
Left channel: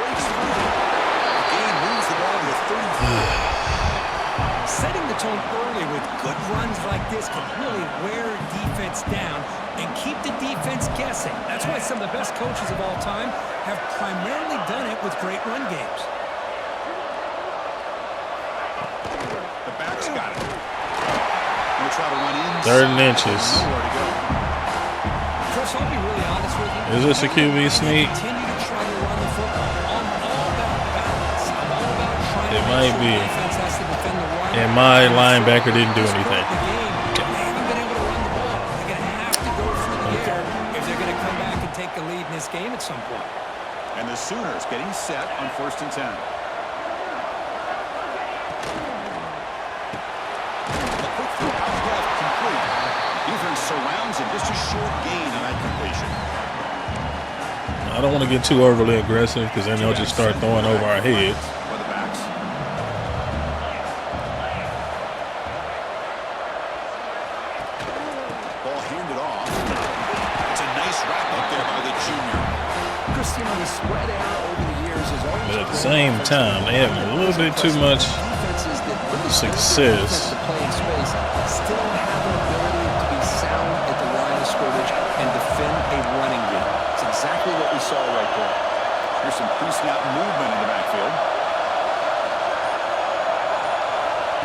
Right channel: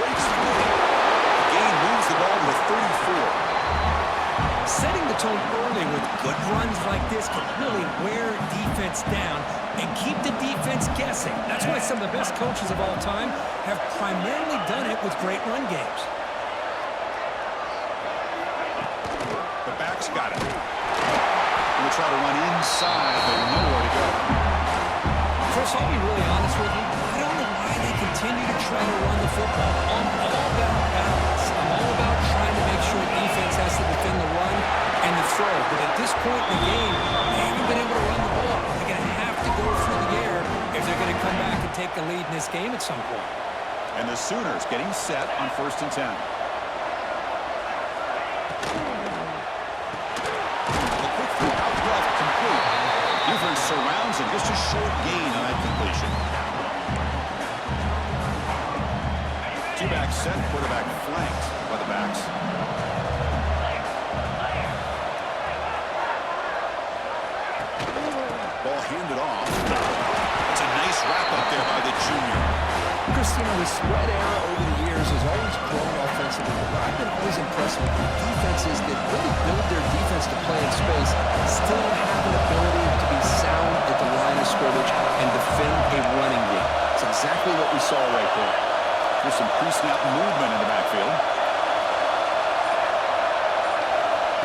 Breaks through. The game moves the ball to the 34. Setting the tone early with good runs like this can really wear defense down and keep the defense guessing. That's why some of the best coaches of all time have primarily done it with great run games. The back's got it. Going to try to run inside. 3rd and inches. Nowhere to go. Chris, I'll be really honest with you. Is this a QB sneak? Continue to try to run the football. I'm all about balance. I'm all about trying to make sure the defense has to defend the run. And my linebacker didn't do anything. At this point in the game, they haven't been able to run the ball. They're going to have to go through the air if they're going to come back and take the lead in this game at some point. And the Sooners getting set on 1st and 10. The quick throw out left, complete. Defense surrounds him, just a short gain on that completion. I don't want to get too overly aggressive because then they'll just start throwing over our heads. By the backs. Ball handed off. That's a nice wrap up there by the junior. Christina, the spread era over the years is always At the same time, they have a little bit too much defenses that really build success. their defense to play in space still have an ability to be sound at the line of scrimmage and defend a running game. It's exactly what we saw right there. Here's some pre-snap movement in the backfield.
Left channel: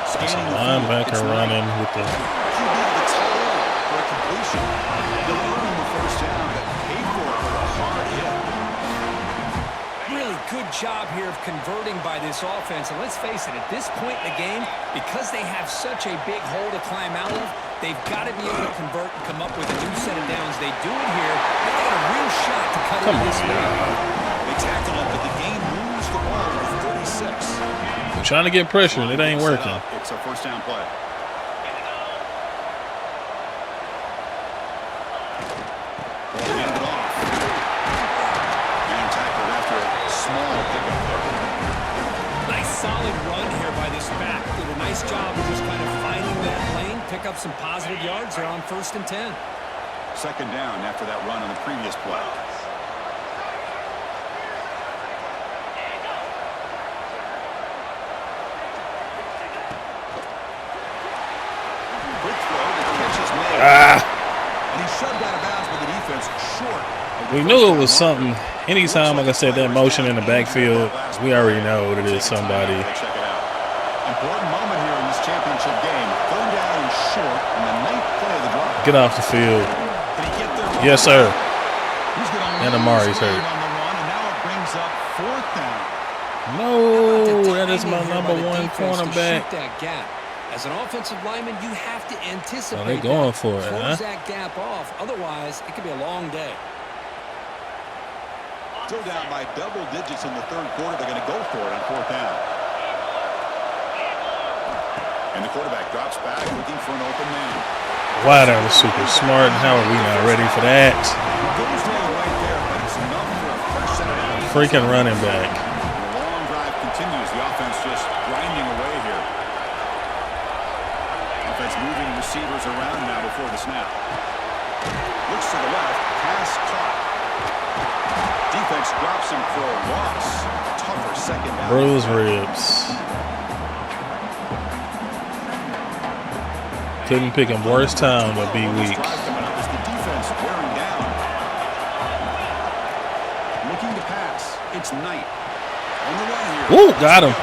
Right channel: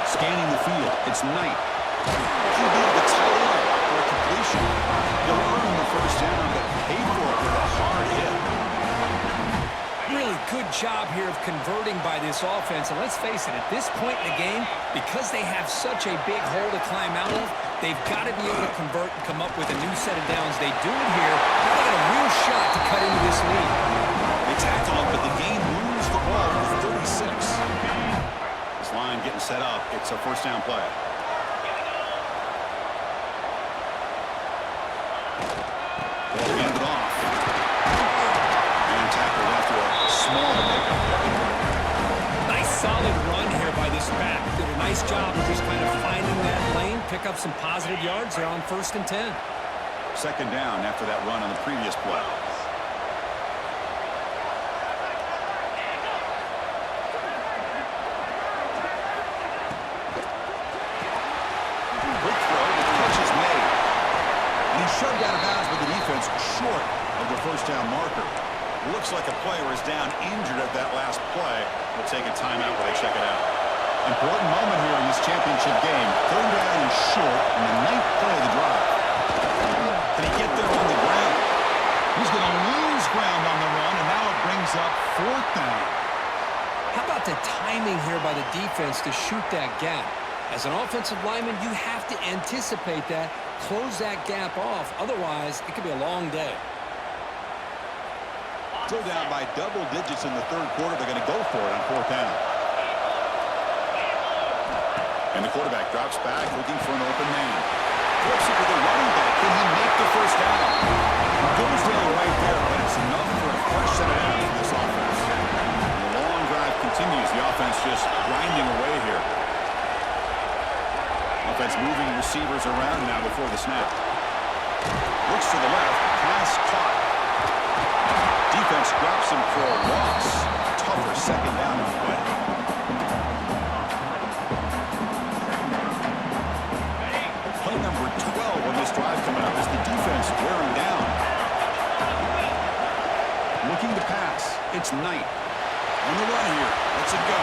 Scanning the field. It's Knight. QB to the tight end for a completion. You'll earn the first down, but pay for it with a hard hit. Really good job here of converting by this offense. And let's face it, at this point in the game, because they have such a big hole to climb out of, they've got to be able to convert and come up with a new set of downs. They do it here. Now they got a real shot to cut into this lead. They tackle it, but the game moves the ball to the 36. I'm trying to get pressure. It ain't working. It's a first down play. Ball handed off. Man tackled after a small pickup there. Nice solid run here by this back. Did a nice job of just kind of finding that lane, pick up some positive yards there on 1st and 10. 2nd down after that run on the previous play. Quick throw, the catch is made. And he shoved out of bounds with the defense short of the We knew it was something. Anytime, like I said, that motion in the backfield, we already know it is somebody. Check it out. Important moment here in this championship game. 3rd down and short on the 9th play of the drive. Get off the field. Can he get there? Yes, sir. He's going to lose Amari's ground hurt. on the run, and now it brings up 4th down. No, How about the that is my timing here by the number one defense to shoot cornerback. that gap? As an offensive lineman, you have to anticipate going that, for it, close huh? that gap off. Otherwise, it could be a long day. Still down by double digits in the 3rd quarter. They're going to go for it on 4th down. And the quarterback drops back, looking for an open man. Wow, that was super smart. How are we not ready for that? Goes down right there, but it's enough for a fresh set of downs. Freaking running back. And the long drive continues. The offense just grinding away here. Offense moving receivers around now before the snap. Looks to the left. Pass caught. Defense drops him for a loss. Tougher 2nd down. Bruised ribs. Couldn't pick a worse time to be This weak. drive coming up is the defense wearing down. Looking to pass. It's Knight. On the run here. Woo, got him.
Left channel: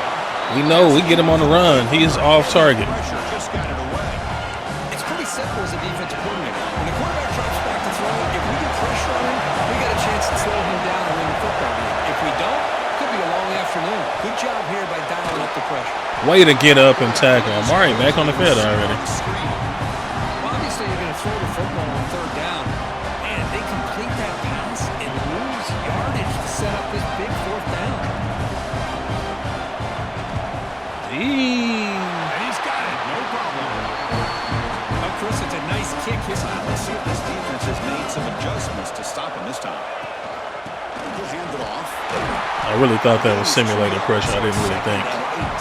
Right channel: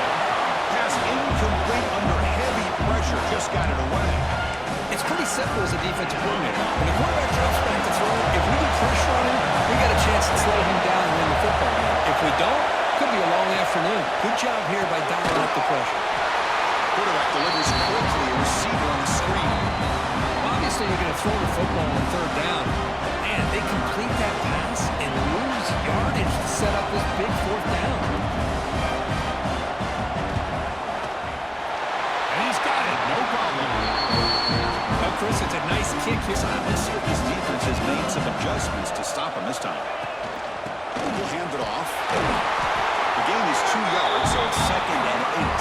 We know we get him on the run. He is off target. Pressure just got it away. It's pretty simple as a defensive coordinator. When the quarterback drops back to throw, if we get pressure on him, we got a chance to slow him down and win the football game. If we don't, could be a long afternoon. Good job here by dialing up the pressure. Way to get up and tackle him. All right, back on the field already. Well, obviously, you're going to throw the football on third down. Man, they complete that pass and lose yardage to set up this big fourth down. And he's got it. No problem. Oh, Chris, it's a nice kick here. Let's see if this defense has made some adjustments to stop him this time. He'll hand it off. I really thought that was simulated pressure. I didn't really think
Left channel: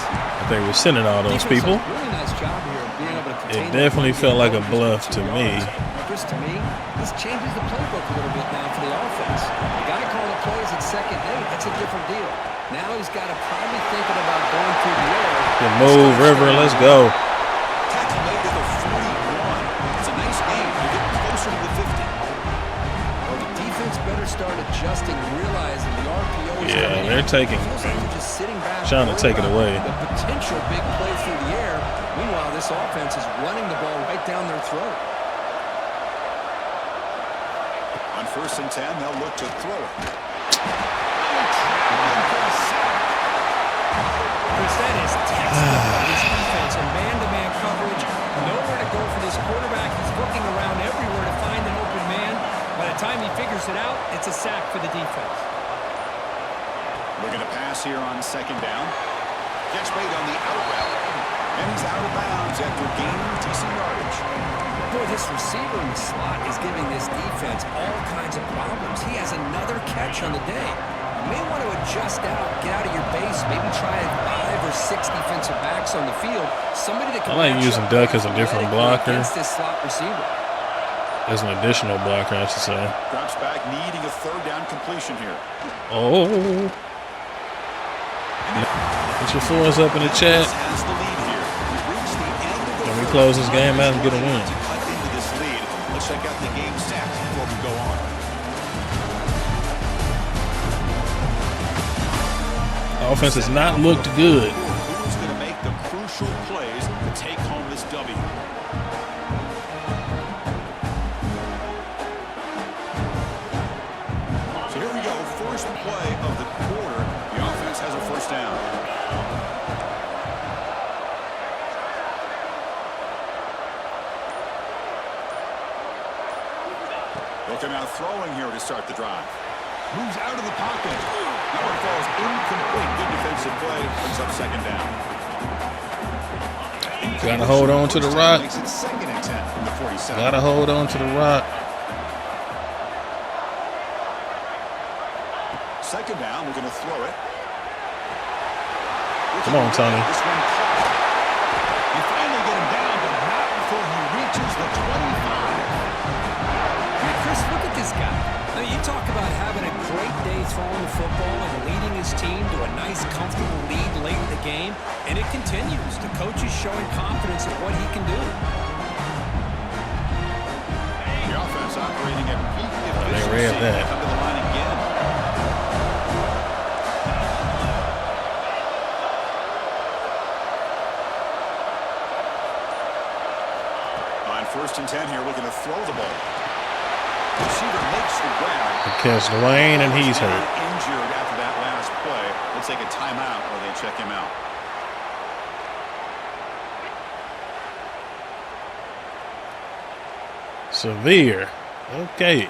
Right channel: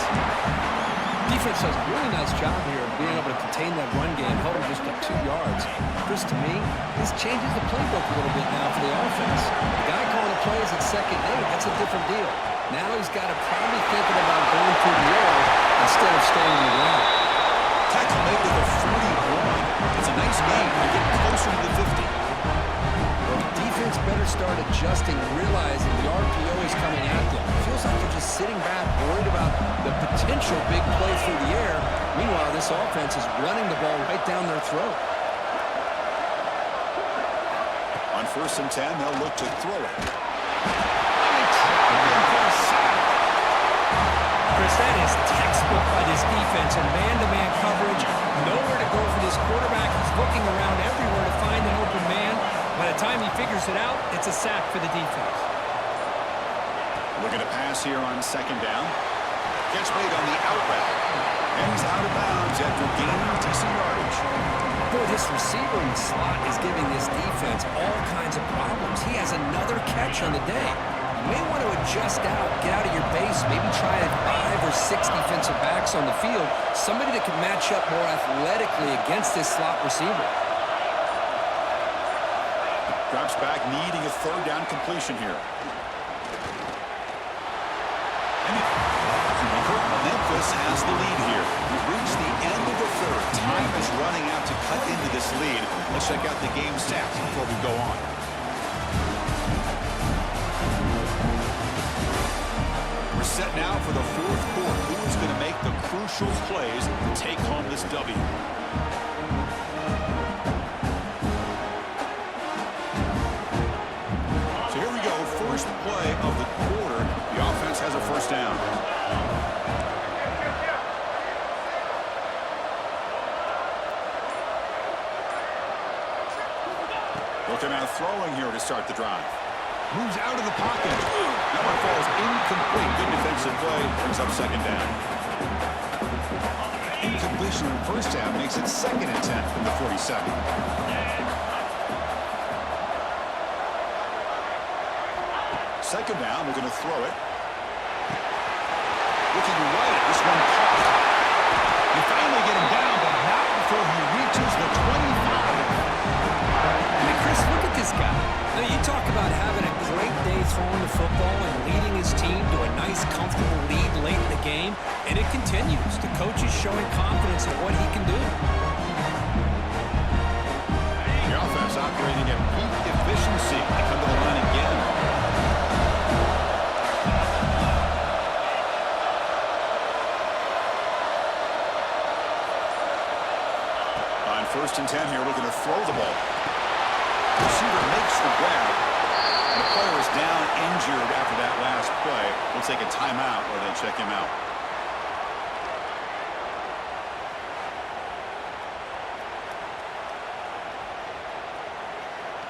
they were sending all those Defense people. does a really nice job here of being able to contain It definitely that felt run like game a just bluff with to 2 me. yards. Chris, to me, this changes the playbook a little bit now for the offense. The guy calling the plays at 2nd and 8, that's a different deal. Now he's got to probably thinking about going through the air. Good move, River. Let's go. Tackle made to the 41. It's a nice game. They're getting closer to the 50. Well, the defense better start adjusting and realizing the RPO is coming in. they're taking. It feels like they're just sitting back, Trying to worried take it about away. the potential big play through the air. Meanwhile, this offense is running the ball right down their throat. On 1st and 10, they'll look to throw it. Really trapped in for a sack. Chris, that is textbook by this defense and man-to-man coverage. Nowhere to go for this quarterback. He's looking around everywhere to find an open man. By the time he figures it out, it's a sack for the defense. Looking to pass here on 2nd down. Catch made on the out route. And he's out of bounds after gaining decent yardage. Boy, this receiver in the slot is giving this defense all kinds of problems. He has another catch on the day. You may want to adjust out, get out of your base, maybe try 5 or 6 defensive backs on the field. Somebody that can I like match using up Duck as a different athletically blocker. against this slot receiver. As an additional blocker, I should say. Drops back, needing a 3rd down completion here. Oh. Put your fours up in the chat. Memphis has the lead here. We've reached the end of the third. close this game out and get a Running win. to cut into this lead. Let's check out the game stats before we go on. Offense has not looked good. Who's going to make the crucial plays to take home this W? So here we go. First play of the quarter. The offense has a 1st down. Looking out throwing here to start the drive. Moves out of the pocket. That one falls incomplete. Good defensive play. Brings up 2nd down. Gotta hold on to the rock. Makes it 2nd and 10 from the 47. Gotta hold on to the rock. 2nd down. We're going to throw it. Come on, Tony. This one caught. You finally get him down, but not before he reaches the 25. I mean, Chris, look at this guy. I mean, you talk about having a great day throwing the football and leading his team to a nice, comfortable lead late in the game, and it continues. The coach is showing confidence in what he can do. The offense operating at peak efficiency. They come to the line again. On 1st and 10 here, looking to throw the ball. Receiver makes the grab. Catch the lane, and he's down, hurt. injured after that last play. We'll take a timeout while they check him out. Severe. Okay.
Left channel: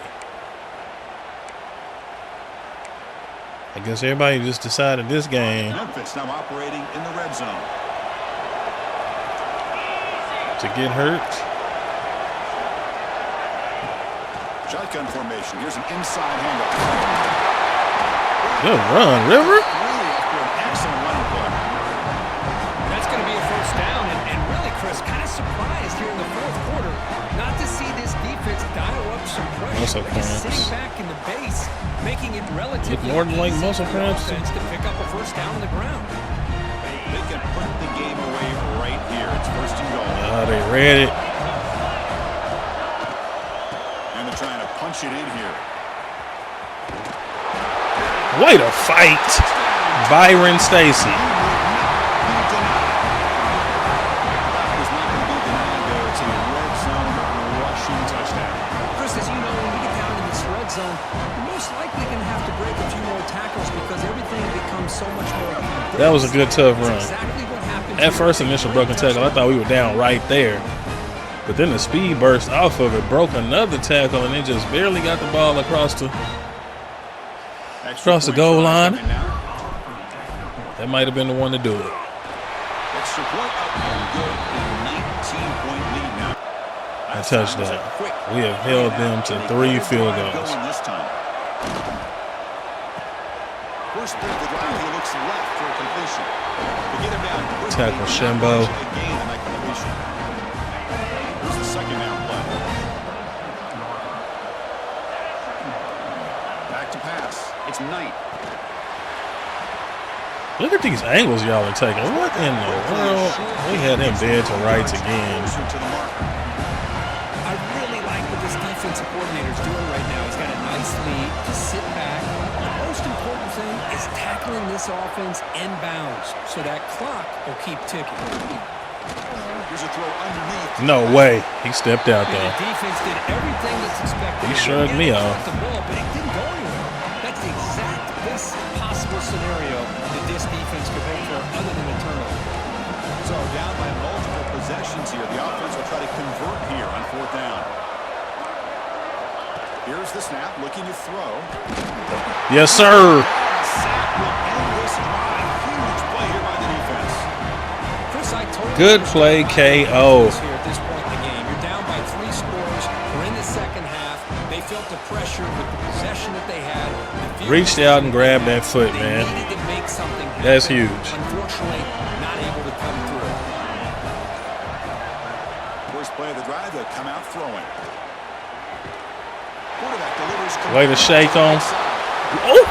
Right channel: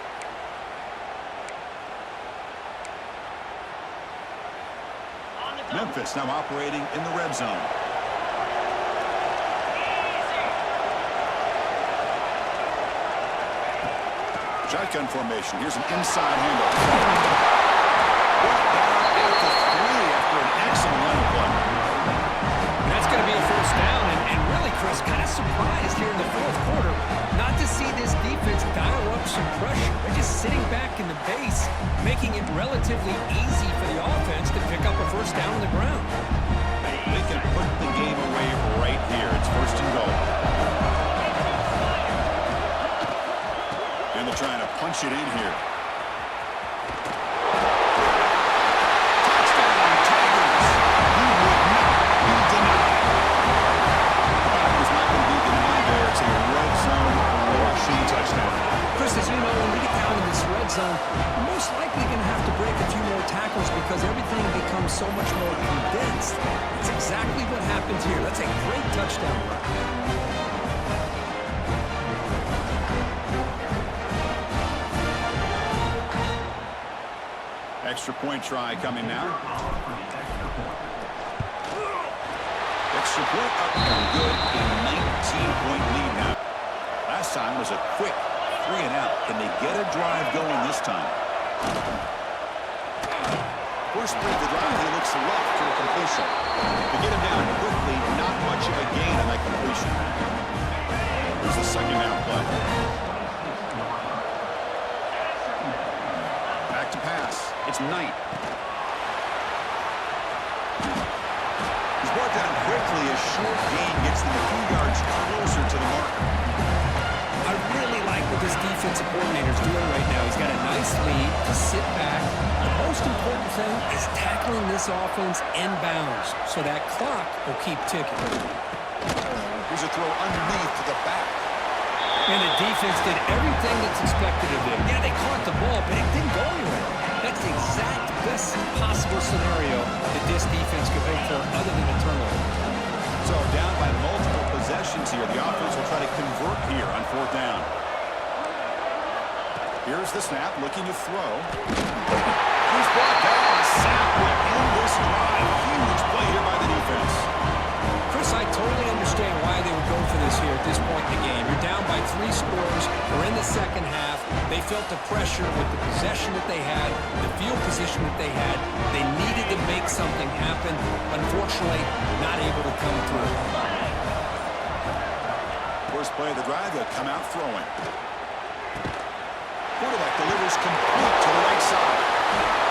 I guess everybody just decided this game Memphis now operating in the red zone. to get hurt. Shotgun formation. Here's an inside handoff. Good run, River. 3 after an excellent running play. And that's going to be a 1st down. And really, Chris, kind of surprised here in the 4th quarter not to see this defense dial up some pressure. They're just sitting back in the base, making it relatively easy for the offense to pick up a 1st down on the ground. They can put the game away right here. It's 1st and goal. They read it. And they're trying to punch it in here. Way to fight, Byron Stacy. He would not be denied. The back was not going to be denied there. It's a red zone zone, you're most likely going to have to break a few more tackles because everything becomes so much more condensed. That was a good tough run. That's exactly what happened At first initial broken tackle, I thought we were down right there. But then the speed burst off of it, broke another tackle, and it just barely got the ball across the goal line. That might have been the one to do it. Extra point up and good. A 19-point lead now. Last time was a quick. We have held them to 3 field goals. Going this time. First play of the drive, he looks left for a completion. To get him down quickly, not much of a gain on that completion. Here's the second down play. Back to pass. It's Knight. Look at these angles y'all are taking. What in the world? We had him dead to rights again. Closer to the marker. I really like what this defensive coordinator is doing right now. He's got a nice lead to sit back. The most important thing is tackling this offense inbounds so that clock will keep ticking. Here's a throw underneath. No way. He stepped out And there. the defense did everything that's expected of them. Shut me They off. caught the ball, but it didn't go anywhere. That's the exact best possible scenario that this defense could hope for other than a turnover. So down by multiple possessions here. The offense will try to convert here on 4th down. Here's the snap, looking to throw. Yes, sir. A sack will end this drive. Huge play here by the defense. Chris, I totally Good understand play, why they KO. went for this here at this point in the game. You're down by 3 scores. We're in the second half. They felt the pressure with the possession that they had. The field Reached position out and grabbed they had. that foot, They man. needed to make something happen. That's huge. Unfortunately, not able to come through. First play of the drive, they'll come out throwing. Quarterback delivers. Way to shake on. Ooh!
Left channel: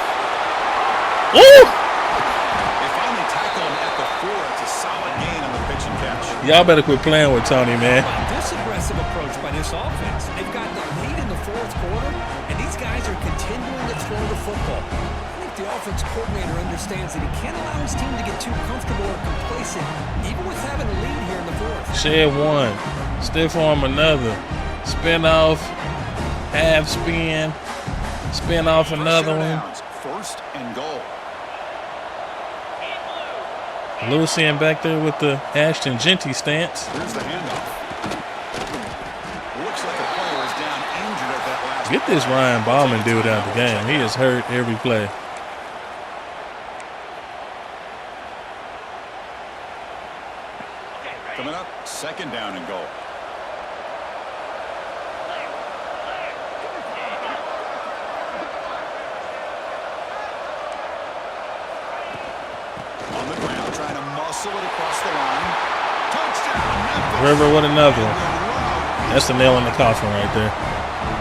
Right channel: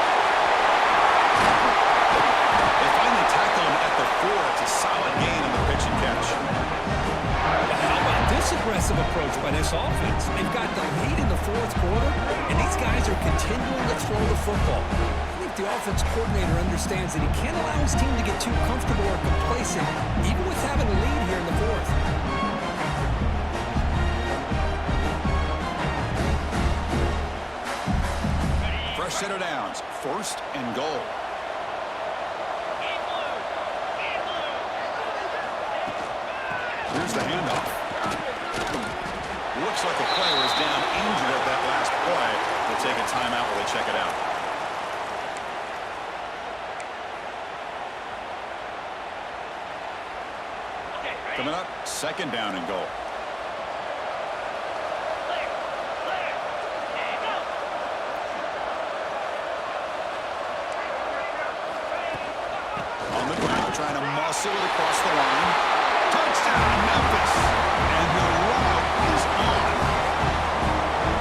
Ooh! They finally tackle him at the 4. It's a solid gain on the pitch and catch. Y'all better quit playing with Tony, man. How about this aggressive approach by this offense? They've got the lead in the 4th quarter, and these guys are continuing to throw the football. I think the offense coordinator understands that he can't allow his team to get too comfortable or complacent, even with having a lead here in the 4th. Shed one. Stiff arm another. Spin off. Half spin. Spin off another one. First and goal. Lucian back there with the Ashton Genty stance. Here's the handoff. Looks like a player is down injured at that last Get this play. Ryan We'll Ballman take a dude timeout. out of the We'll game. check He it is out. hurt every play. Coming up, second down and goal. On the ground, trying to muscle it across the line. Touchdown, Memphis. River with another And one. the route That's the nail in the coffin right there.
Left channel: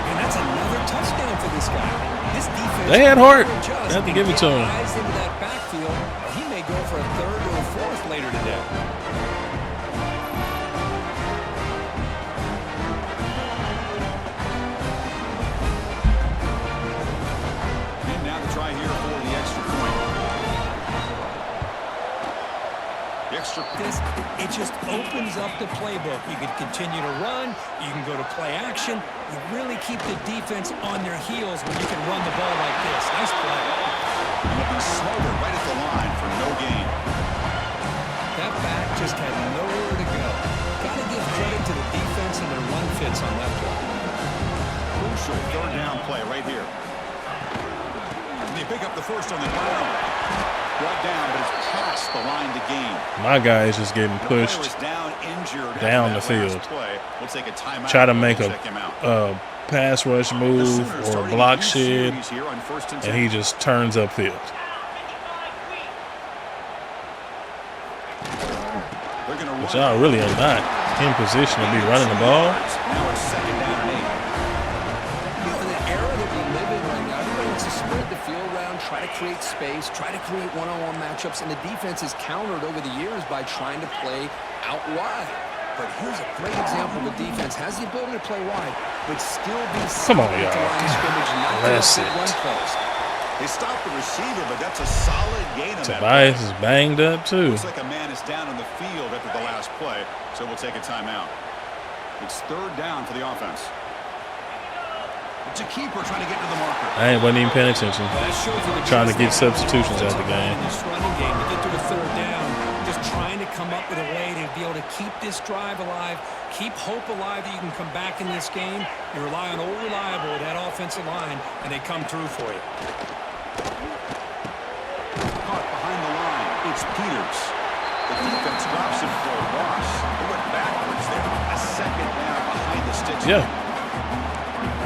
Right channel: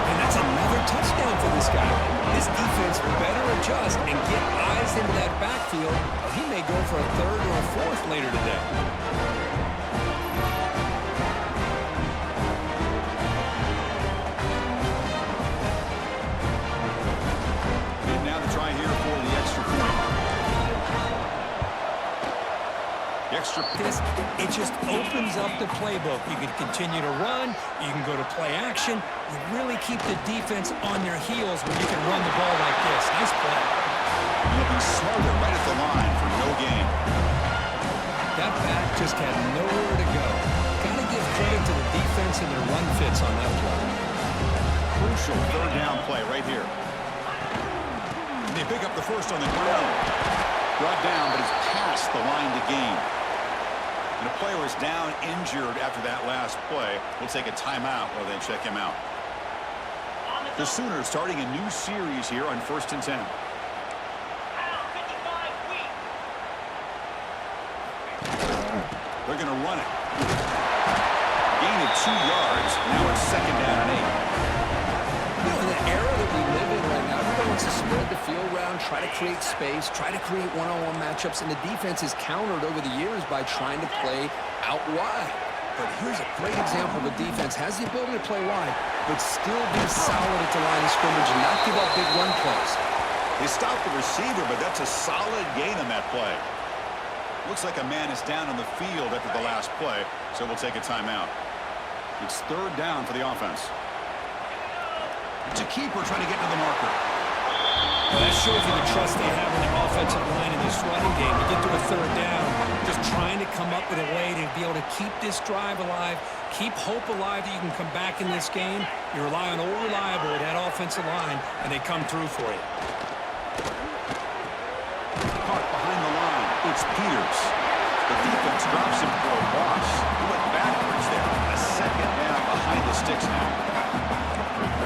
And that's another touchdown for this guy. This defense They had heart. will adjust Have to and give it get to him. eyes into that backfield, or he may go for a 3rd or a 4th later today. And now to try here for the extra point. The extra It just opens up the playbook. You can continue to run. You can go to play action. You really keep the defense on their heels when you can run the ball like this. Nice play. You'll be smarter right at the line for no gain. That back just had nowhere to go. Got to give credit to the defense and their run fits on that play. Crucial 3rd down play right here. And they pick up the first on the ground. Brought down, but it's past the line to gain. My guy is just getting The player pushed. is down, injured down after the that last field. play. We'll take a timeout. Try to and make check him out. a pass rush The move Sooners or starting block a new shit, series here on 1st and 10. and he just turns upfield. They're going to run. Y'all really are not in position to be Gain of running 2 the ball. yards. Now it's 2nd down and 8. You know, in the era that we live in right now, everybody wants to spread the field around, try to create space, try to create one-on-one matchups, and the defense is countered over the years by trying to play out wide. But here's a great example of a defense has the ability to play wide, but still be solid at the line of scrimmage and not give up big run plays. They stopped the receiver, but that's a solid gain on that play. Tobias is banged up too. Looks like a man is down on the field after the last play, so we'll take a timeout. It's 3rd down for the offense. It's a keeper trying to get to the marker. I wasn't even paying attention. Well, that shows you the Trying to trust get they have in their substitutions out offensive of the line game. in this running game to get to a third down. Just trying to come up with a way to be able to keep this drive alive, keep hope alive that you can come back in this game. You rely on old reliable, that offensive line, and they come through for you. Caught behind the line. It's Peters. The defense drops him for a loss. He went backwards there. A second down behind the sticks. Yeah.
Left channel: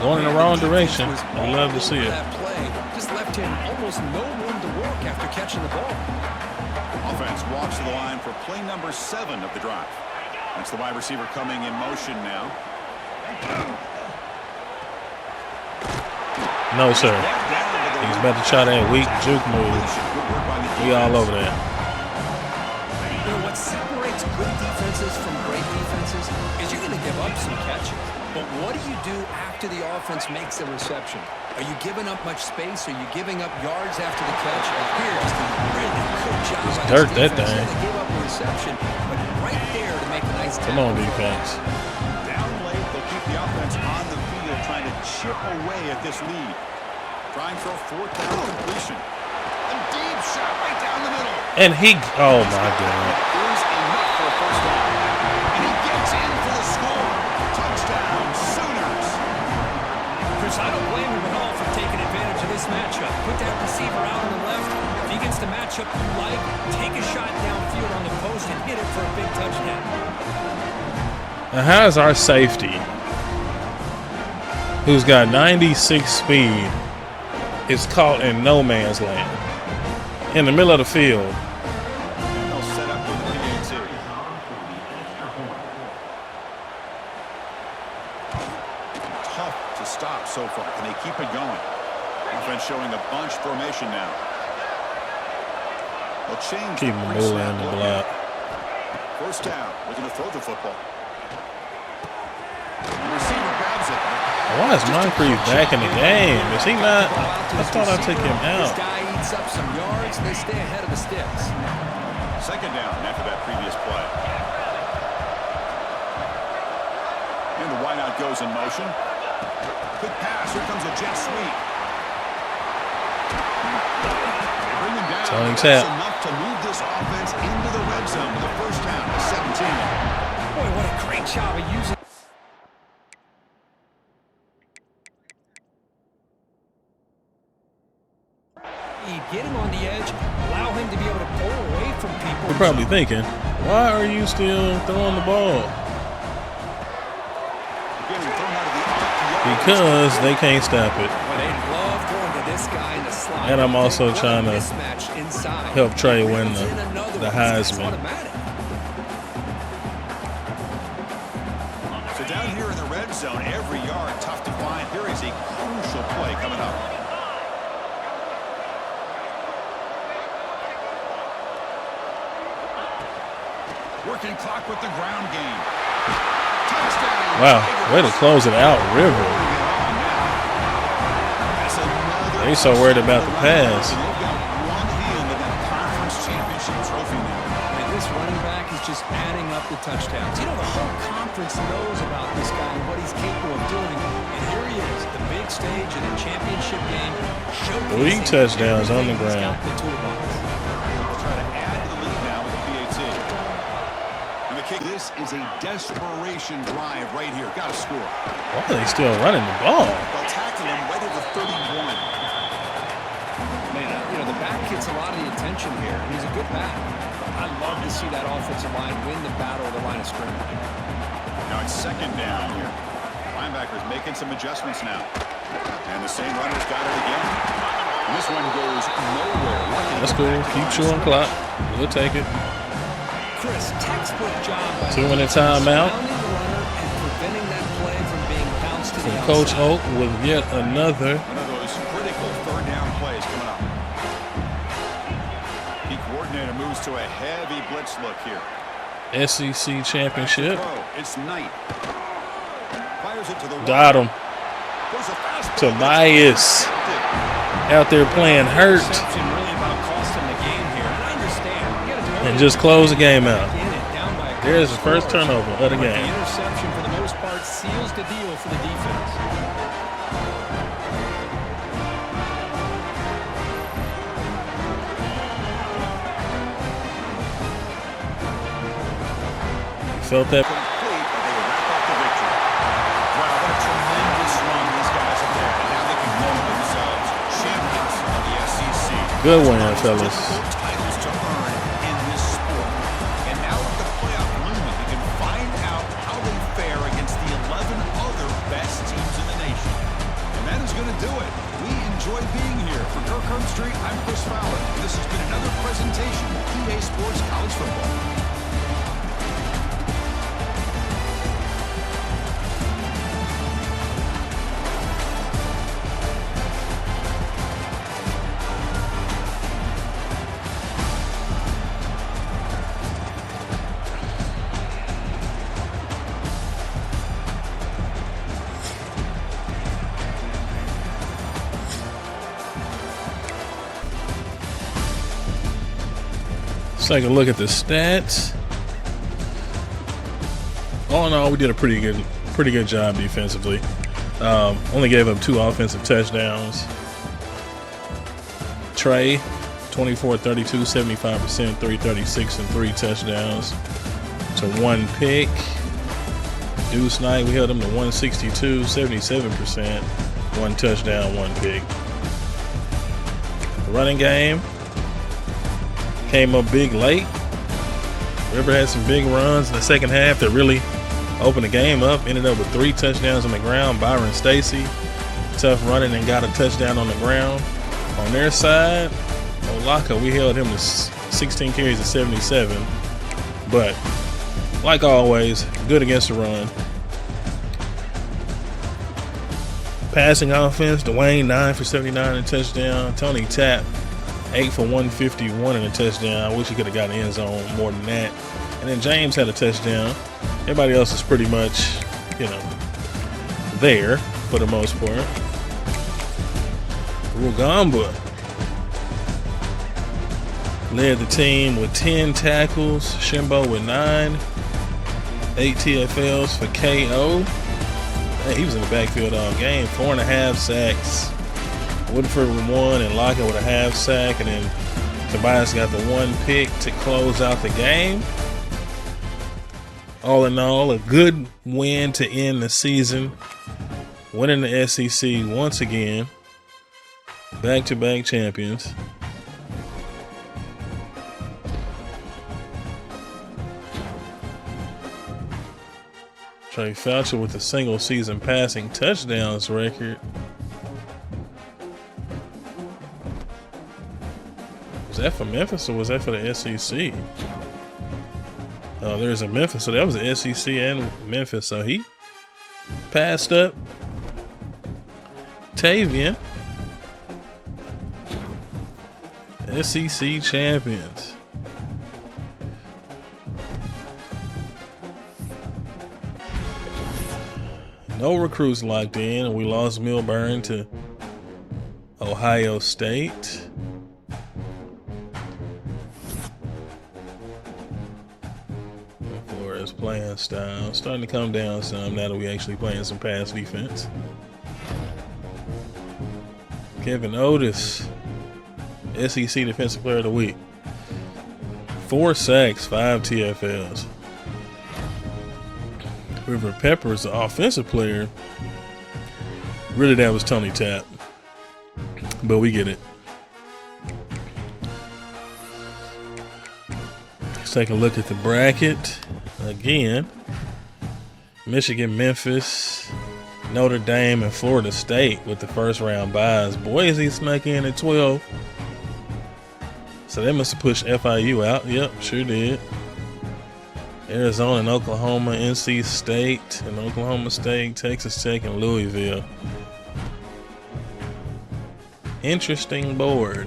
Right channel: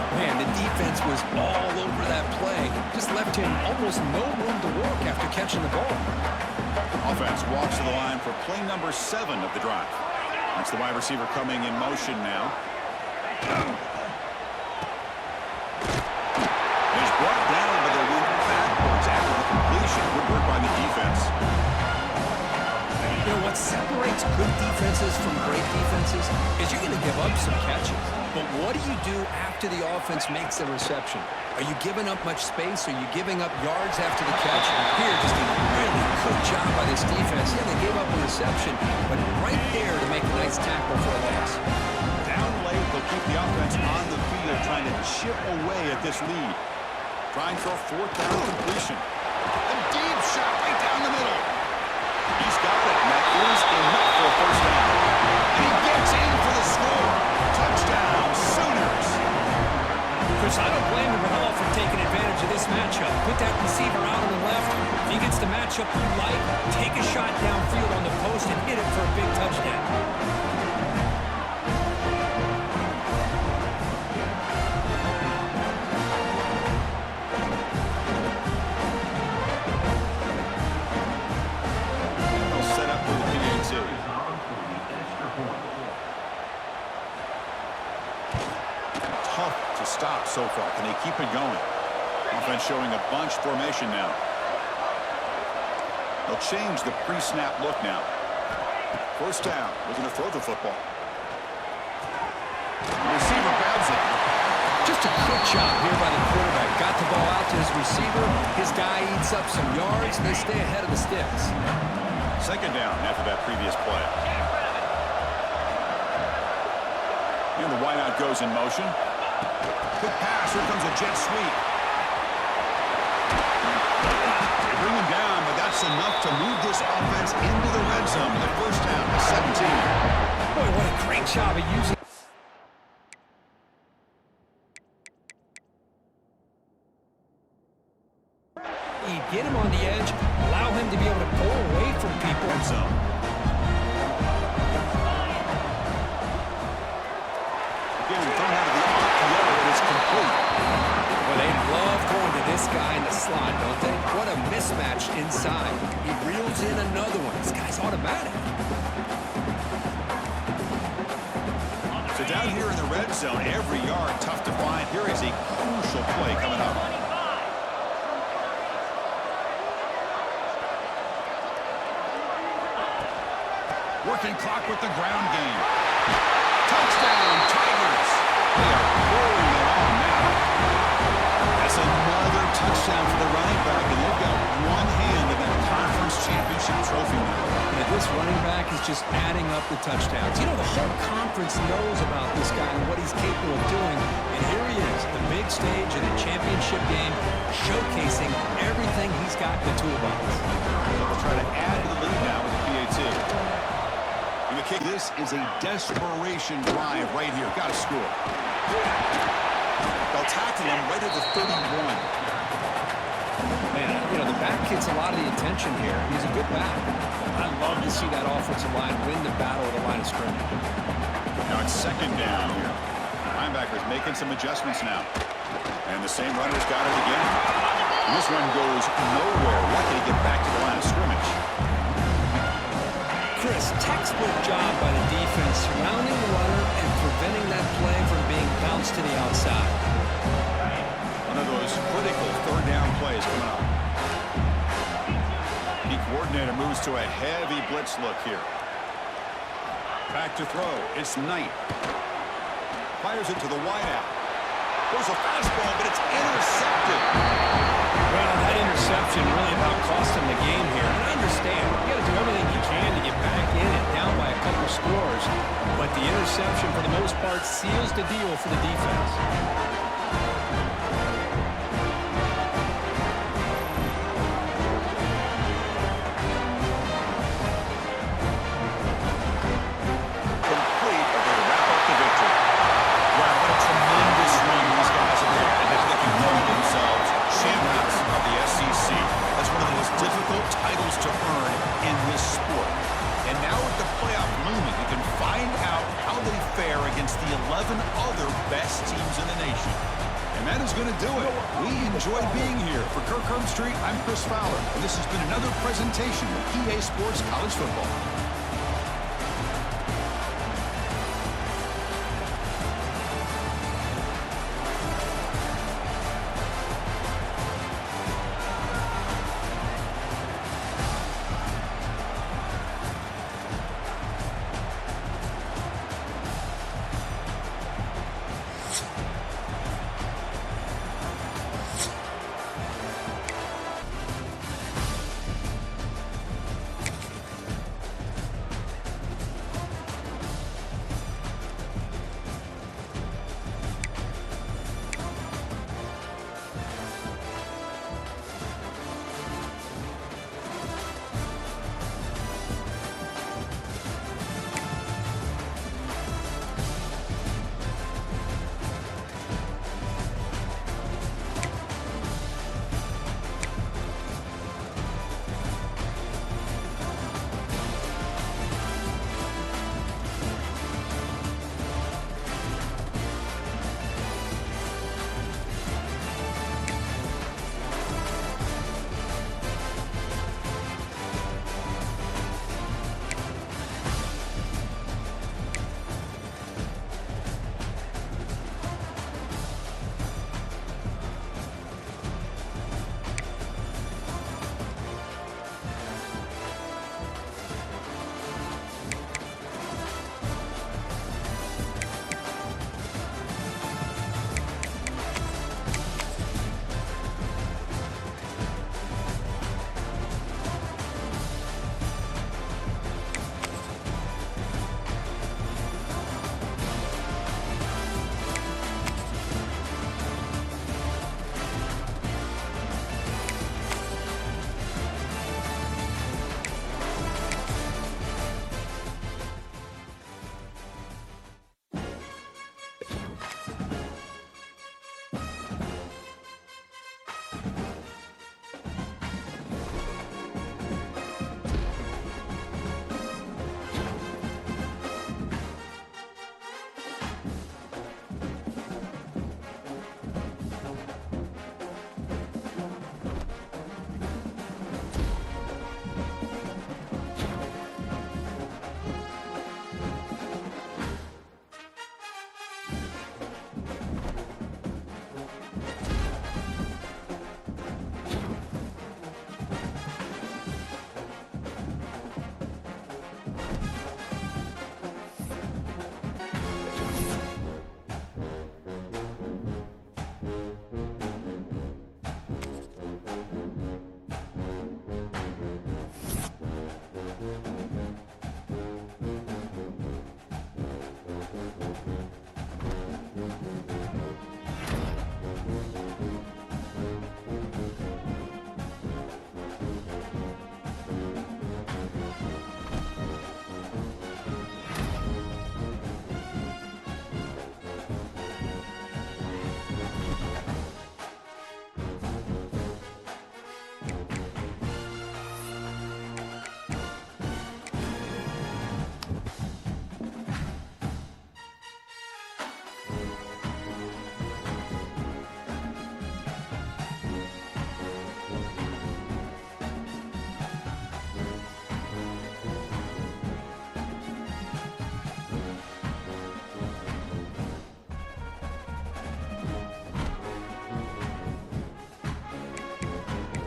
Going in the wrong direction. Was I all love to see over it. that play. Just left him almost no room to work after catching the ball. Offense walks to the line for play number 7 of the drive. That's the wide receiver coming in motion now. No, sir. Brought down, but they're He's about to try that weak juke move. Good work by the He all defense. over there. You know, what separates good defenses from great defenses is you're going to give up some catches. But what do you do after the offense makes the reception? Are you giving up much space? Are you giving up yards after the catch? Here, just a really good job by this defense. Yeah, they gave up a reception, but right there to make a nice tackle for a loss. Down late, they'll keep the offense on the field trying to chip away at this lead. Trying for a 4th down completion. A deep shot right down the middle. And he, oh He's my got it. God. That is enough for a 1st down. And he gets in for the score. Touchdown, Sooners. Chris, I don't blame him at all for taking advantage of this matchup. Put that receiver out on the left. If he gets the matchup you like, take a shot downfield on the post and hit it for a big touchdown. Now, how's our safety, who's got 96 speed, is caught in no man's land in the middle of the field? And they'll set up with the PAT. Tough to stop so far. Can they keep it going? Offense showing a bunch formation now. They'll change the pre-snap look now. 1st down. Looking to throw the football. The receiver grabs it. Why is Moncrief back in the game? Is he not? I thought I took him This out. guy eats up some yards, and they stay ahead of the sticks. 2nd down after that previous play. And the wideout goes in motion. Quick pass. Here comes a jet sweep. They bring him down. And that's enough to move this offense into the red zone with a 1st down to 17. Boy, what a great job of using. You get him on the edge, allow him to be able to pull away from people. You're probably thinking, why are you still throwing the ball? Again, thrown out of the RPO. Because they can't stop it. Well, they love throwing to this guy in the slot. And I'm also trying to mismatch inside. help Trey win the Heisman. Heisman. Automatic. So down here in the red zone, every yard tough to find. Here is a crucial play coming up. Working clock with the ground game. Touchdown. Wow, Tigers. way to close it out, River. Pouring it on now. That's another They're so worried touchdown about for the running pass. back, and they've got one hand in that conference championship trophy now. And this running back is just adding up the touchdowns. You know, the whole conference knows about this guy and what he's capable of doing. And here he is, the big stage in a championship game, showcasing touchdowns on the everything he's got ground. in the toolbox. They'll try to add to the lead now with the PAT. And the kick. This is a desperation drive right here. Got to score. Why are they still running the ball? They'll tackle him right at the 31. Man, you know, the back gets a lot of the attention here, and he's a good back. But I love to see that offensive line win the battle of the line of scrimmage. Now it's 2nd down here. Linebackers making some adjustments now. And the same runner's got it again. And this one goes nowhere. Lucky to That's get cool. back to the line of Keep chewing scrimmage. clock. We'll take it. Chris, textbook job by the 2 minute defense, timeout. surrounding the runner and preventing that play from being bounced to the outside. Coach Holt with yet another. One of those critical 3rd down plays coming up. The coordinator moves to a heavy blitz look here. SEC Back to championship. throw. It's Knight. Fires it to the wide. Got him. Goes a fastball, but Tobias it's intercepted. out there playing That hurt. interception really about cost him the game here. And I understand. You got to do everything just you close can the game to get out. back in it, down by a couple There's the first scores. turnover of the But game. the interception, for the most part, seals the deal for the defense. Felt that. Complete, but they wrap up the victory. Wow, what a tremendous run these guys have had. And now they can call themselves champions of the SEC. Good one, That's one of the fellas. most difficult titles to earn in this sport. And now with the playoff looming, we can find out how they fare against the 11 other best teams in the nation. And that is going to do it. We enjoy being here. For Kirk Herbstreit, I'm Chris Fowler. And this has been another presentation of EA Sports College Football. Let's take a look at the stats. All in all, we did a pretty good job defensively. Only gave up 2 offensive touchdowns. Trey, 24-32, 75%, 336, and 3 touchdowns to 1 pick. Deuce Knight, we held him to 162, 77%, 1 touchdown, 1 pick. The running game came up big late. River had some big runs in the second half that really opened the game up. Ended up with 3 touchdowns on the ground. Byron Stacy, tough running, and got a touchdown on the ground. On their side, Olaka, we held him to 16 carries of 77. But like always, good against the run. Passing offense, Dwayne 9 for 79 and a touchdown. Tony Tapp 8 for 151 and a touchdown. I wish he could have gotten the end zone more than that. And then James had a touchdown. Everybody else is pretty much, there for the most part. Rugamba led the team with 10 tackles. Shimbo with 9. 8 TFLs for KO. Man, he was in the backfield all game. 4.5 sacks. Woodford with 1 and Lockett with a half sack, and then Tobias got the 1 pick to close out the game. All in all, a good win to end the season. Winning the SEC once again. Back-to-back champions. Trey Foucher with the single season passing touchdowns record. Was that for Memphis or was that for the SEC? Oh, there's a Memphis, so that was the SEC and Memphis. So he passed up Tavian. SEC champions. No recruits locked in. We lost Milburn to Ohio State. Whereas playing style starting to come down some now that we actually playing some pass defense. Kevin Otis, SEC Defensive Player of the Week. 4 sacks, 5 TFLs. River Peppers, the offensive player. Really, that was Tony Tapp. But we get it. Let's take a look at the bracket. Again, Michigan, Memphis, Notre Dame, and Florida State with the first round byes. Boise snuck in at 12. So they must have pushed FIU out. Yep, sure did. Arizona and Oklahoma, NC State and Oklahoma State, Texas Tech and Louisville. Interesting board,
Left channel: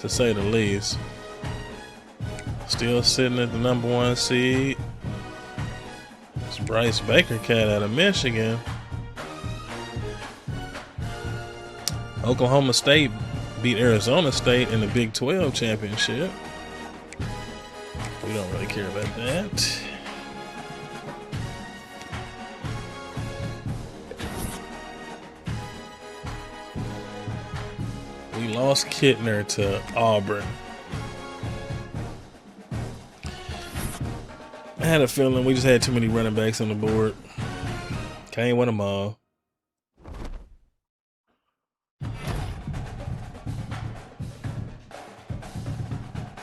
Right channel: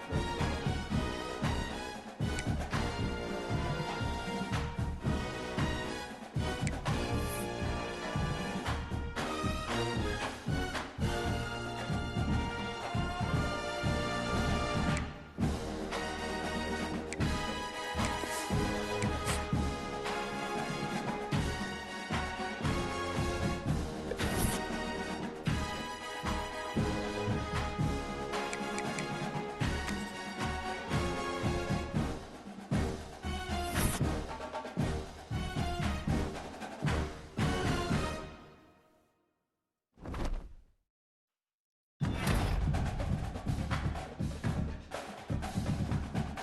to say the least. Still sitting at the number 1 seed. It's Bryce Baker cat out of Michigan. Oklahoma State beat Arizona State in the Big 12 championship. We don't really care about that. We lost Kittner to Auburn. I had a feeling we just had too many running backs on the board. Can't win them all.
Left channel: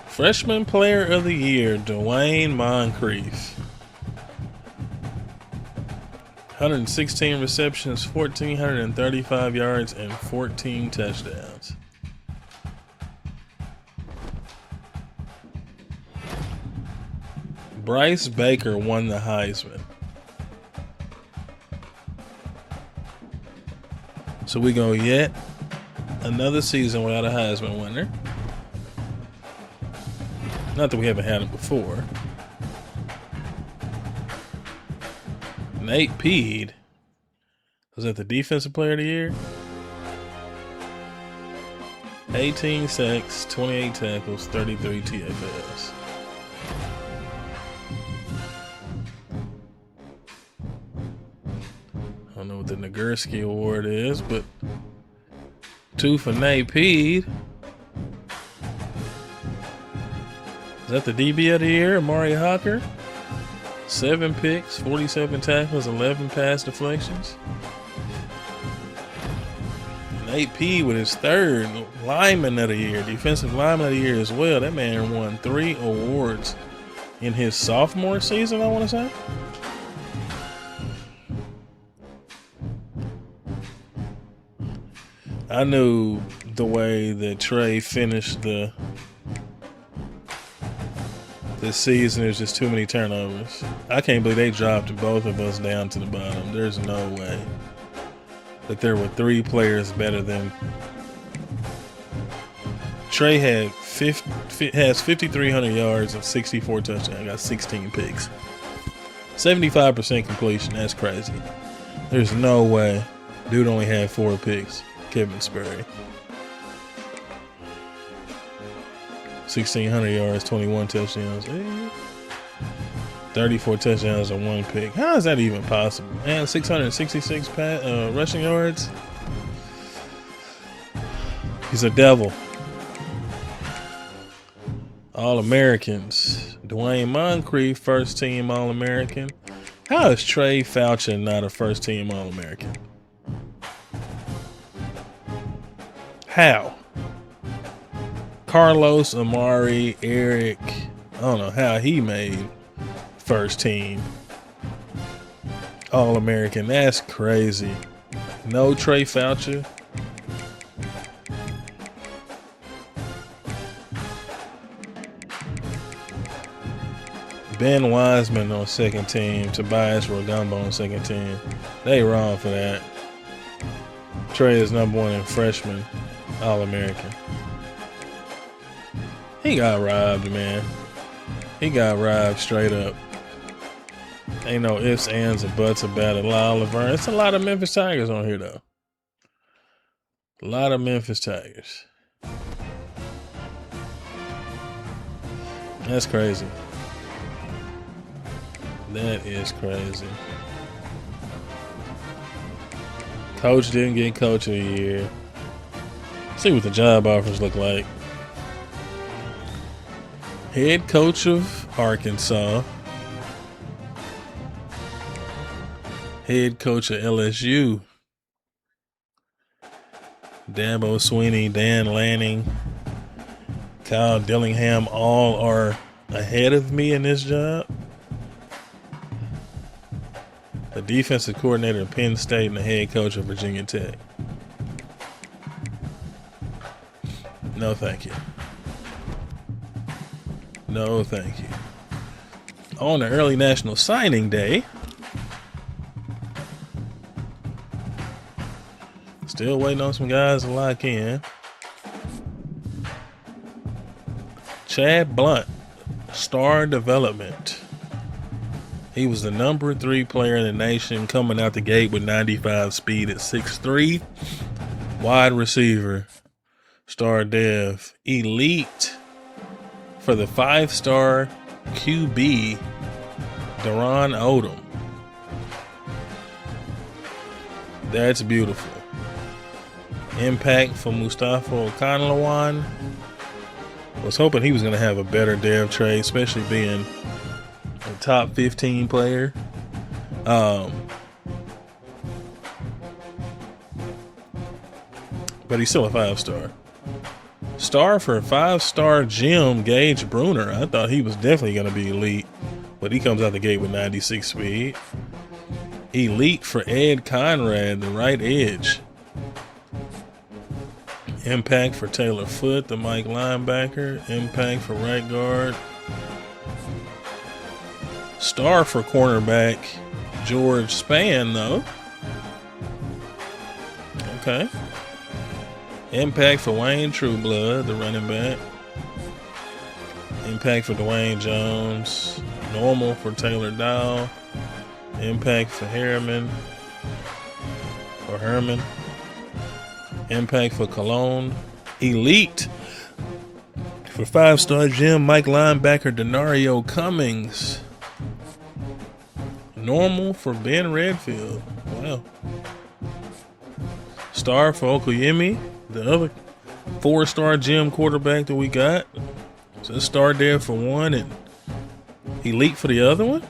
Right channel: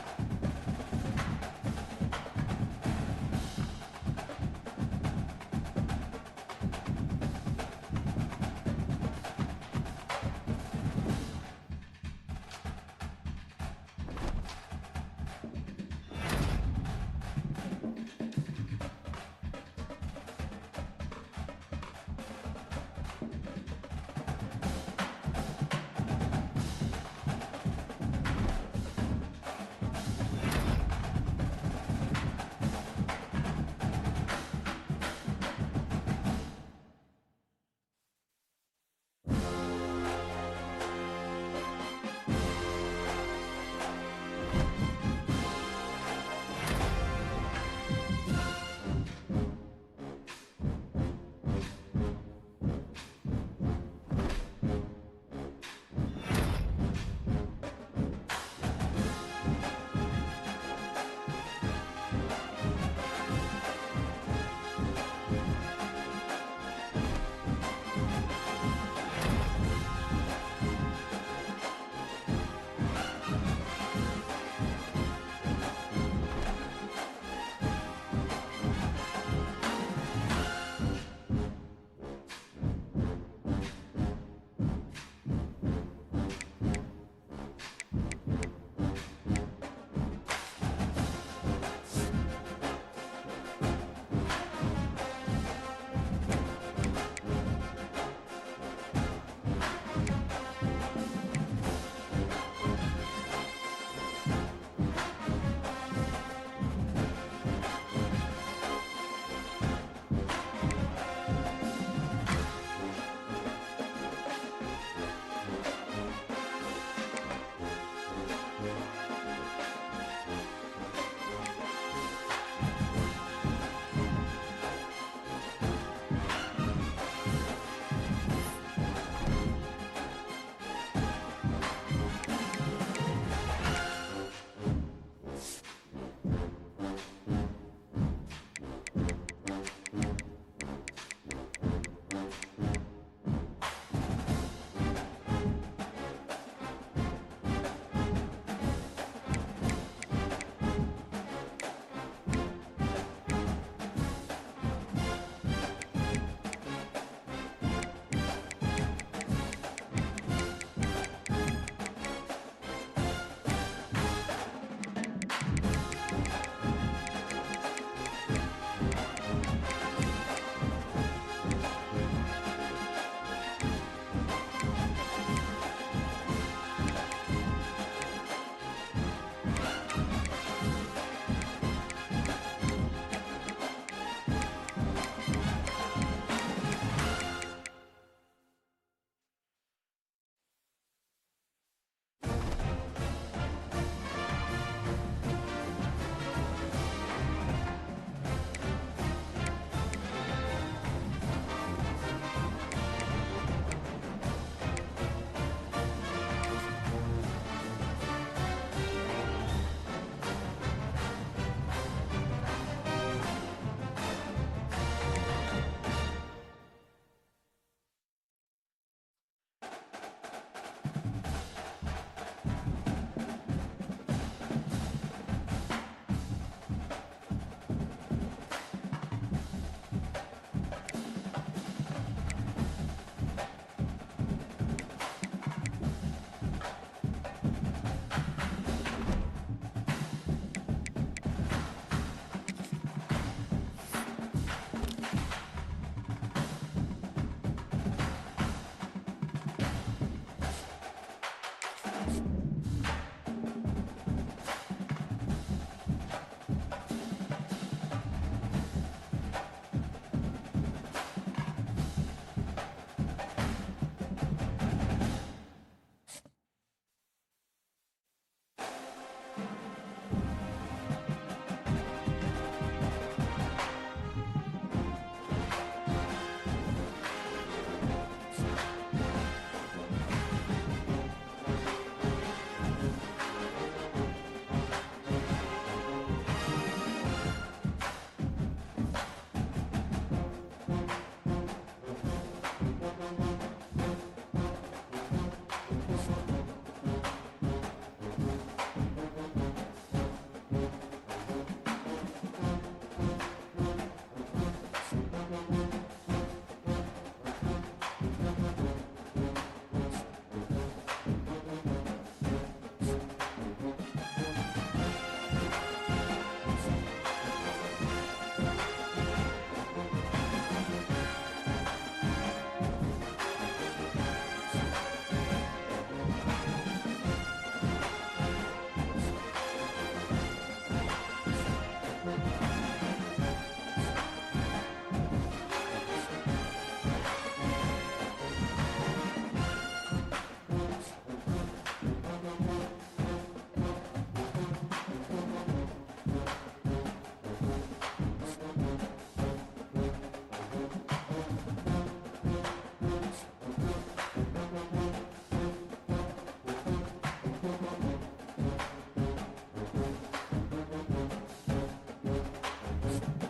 Freshman Player of the Year, Dwayne Moncrief. 116 receptions, 1,435 yards, and 14 touchdowns. Bryce Baker won the Heisman. So we go yet another season without a Heisman winner. Not that we haven't had it before. Nate Peed. Was that the Defensive Player of the Year? 18 sacks, 28 tackles, 33 TFLs. I don't know what the Nagurski Award is, but 2 for Nate Peed. Is that the DB of the Year, Amari Hawker? 7 picks, 47 tackles, 11 pass deflections. And AP with his 3rd lineman of the year, defensive lineman of the year as well. That man won 3 awards in his sophomore season, I want to say. I knew the way that Trey finished this season, there's just too many turnovers. I can't believe they dropped both of us down to the bottom. There's no way that there were 3 players better than Trey. Has 5,300 yards and 64 touchdowns. Got 16 picks, 75% completion. That's crazy. There's no way dude only had 4 picks. Kevin Spurrier. 1,600 yards, 21 touchdowns, 34 touchdowns and 1 pick. How is that even possible? Man, 666 rushing yards. He's a devil. All-Americans. Dwayne Moncrief, first-team All-American. How is Trey Foucher not a first-team All-American? How? Carlos, Amari, Eric, I don't know how he made first team All-American. That's crazy. No Trey Foucher. Ben Wiseman on second team. Tobias Rodumbo on second team. They wrong for that. Trey is number 1 in freshman All-American. He got robbed, man. He got robbed straight up. Ain't no ifs, ands, or buts about it. Oliver. It's a lot of Memphis Tigers on here, though. A lot of Memphis Tigers. That's crazy. That is crazy. Coach didn't get Coach of the Year. See what the job offers look like. Head coach of Arkansas. Head coach of LSU. Dabo Sweeney, Dan Lanning, Kyle Dillingham all are ahead of me in this job. The defensive coordinator of Penn State and the head coach of Virginia Tech. No, thank you. No, thank you. On the early National Signing Day, still waiting on some guys to lock in. Chad Blunt, star development. He was the number 3 player in the nation, coming out the gate with 95 speed at 6'3". Wide receiver, star dev, elite for the 5-star QB, Daron Odom. That's beautiful. Impact for Mustafa Okanlawan. Was hoping he was going to have a better dev trade, especially being a top 15 player. But he's still a 5-star. Star for 5-star Jim Gage Bruner. I thought he was definitely going to be elite, but he comes out the gate with 96 speed. Elite for Ed Conrad, the right edge. Impact for Taylor Foote, the Mike linebacker. Impact for right guard. Star for cornerback George Spann, though. Okay. Impact for Wayne Trueblood, the running back. Impact for Dwayne Jones. Normal for Taylor Dow. Impact for Herman. Impact for Cologne. Elite for 5-star Jim Mike linebacker Denario Cummings. Normal for Ben Redfield. Wow. Star for Okoyemi, the other 4-star Gym quarterback that we got. So a star there for one and elite for the other one.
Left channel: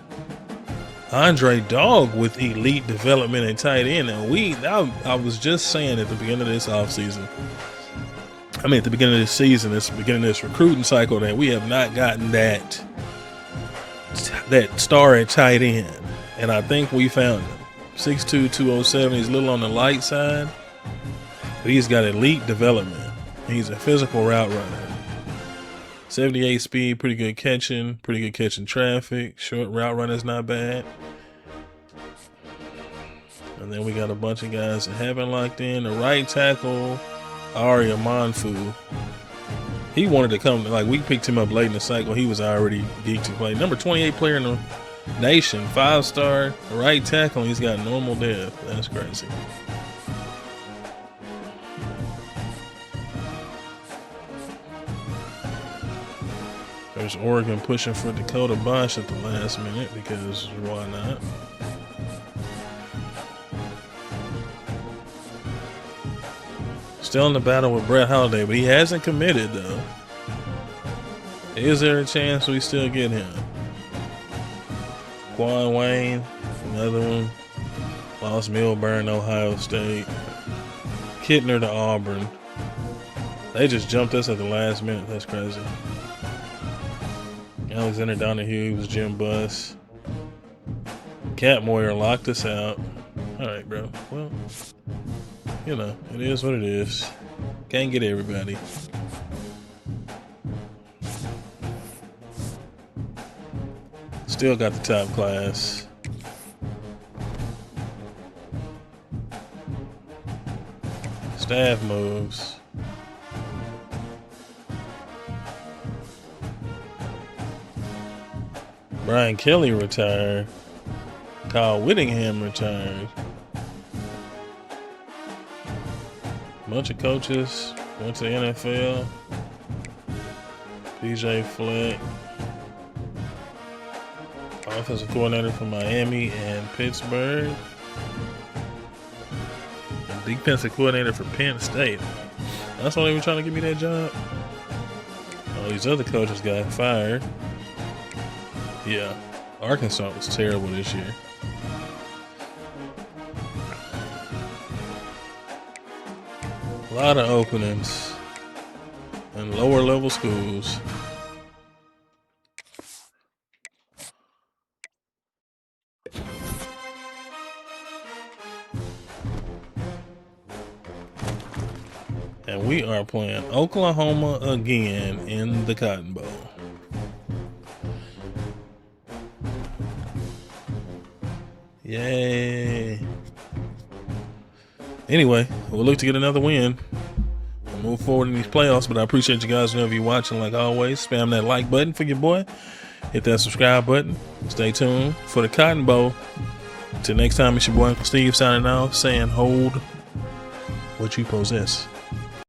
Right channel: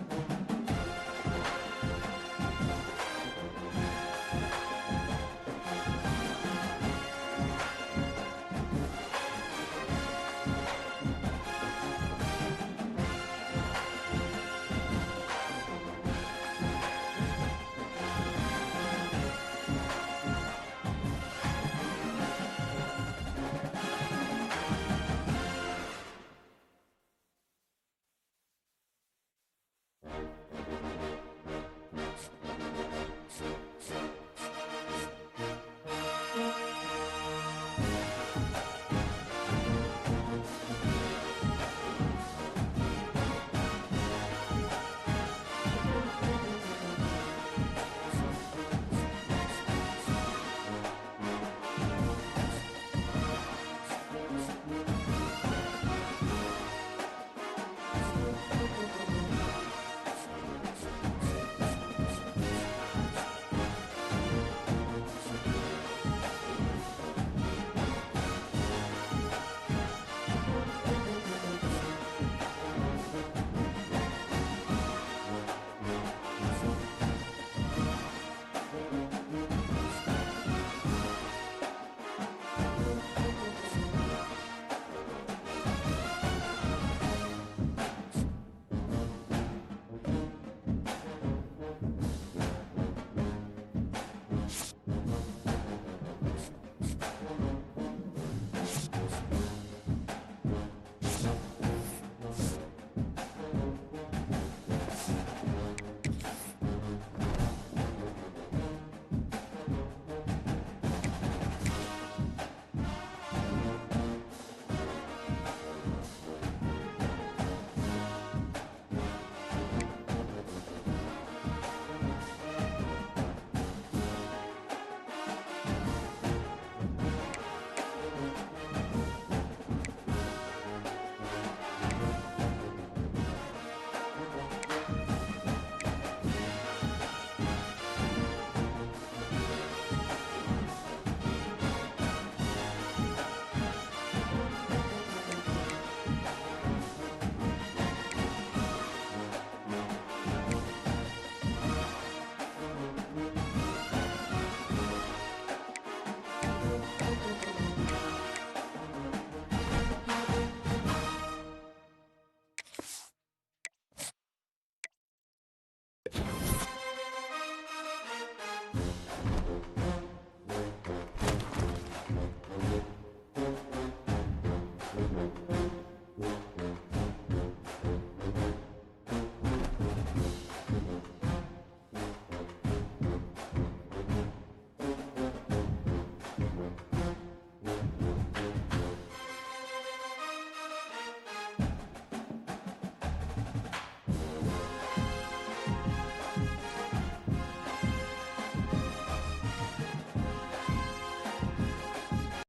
Andre Dogg with elite development and tight end. And I was just saying at the beginning of this offseason, at the beginning of this season, the beginning of this recruiting cycle, that we have not gotten that star at tight end. And I think we found him. 6'2", 207. He's a little on the light side, but he's got elite development. He's a physical route runner. 78 speed, pretty good catching traffic. Short route runner's not bad. And then we got a bunch of guys that haven't locked in. The right tackle, Aria Manfu. He wanted to come, we picked him up late in the cycle. He was already geeked to play. Number 28 player in the nation, 5-star, right tackle. He's got normal depth. That's crazy. There's Oregon pushing for Dakota Bosch at the last minute because why not? Still in the battle with Brett Holiday, but he hasn't committed though. Is there a chance we still get him? Quan Wayne, another one. Lost Milburn, Ohio State. Kittner to Auburn. They just jumped us at the last minute. That's crazy. Alexander Donahue was Jim Buss. Cat Moyer locked us out. All right, bro. Well, it is what it is. Can't get everybody. Still got the top class. Staff moves. Brian Kelly retired. Kyle Whittingham retired. Bunch of coaches went to the NFL. DJ Fleck. Offensive coordinator from Miami and Pittsburgh. Defensive coordinator for Penn State. That's why they were trying to give me that job. All these other coaches got fired. Yeah, Arkansas was terrible this year. A lot of openings in lower level schools. And we are playing Oklahoma again in the Cotton Bowl. Yay. Anyway, we'll look to get another win. Move forward in these playoffs, but I appreciate you guys whenever you're watching. Like always, spam that like button for your boy. Hit that subscribe button. Stay tuned for the Cotton Bowl. Until next time, it's your boy Uncle Steve signing off, saying hold what you possess.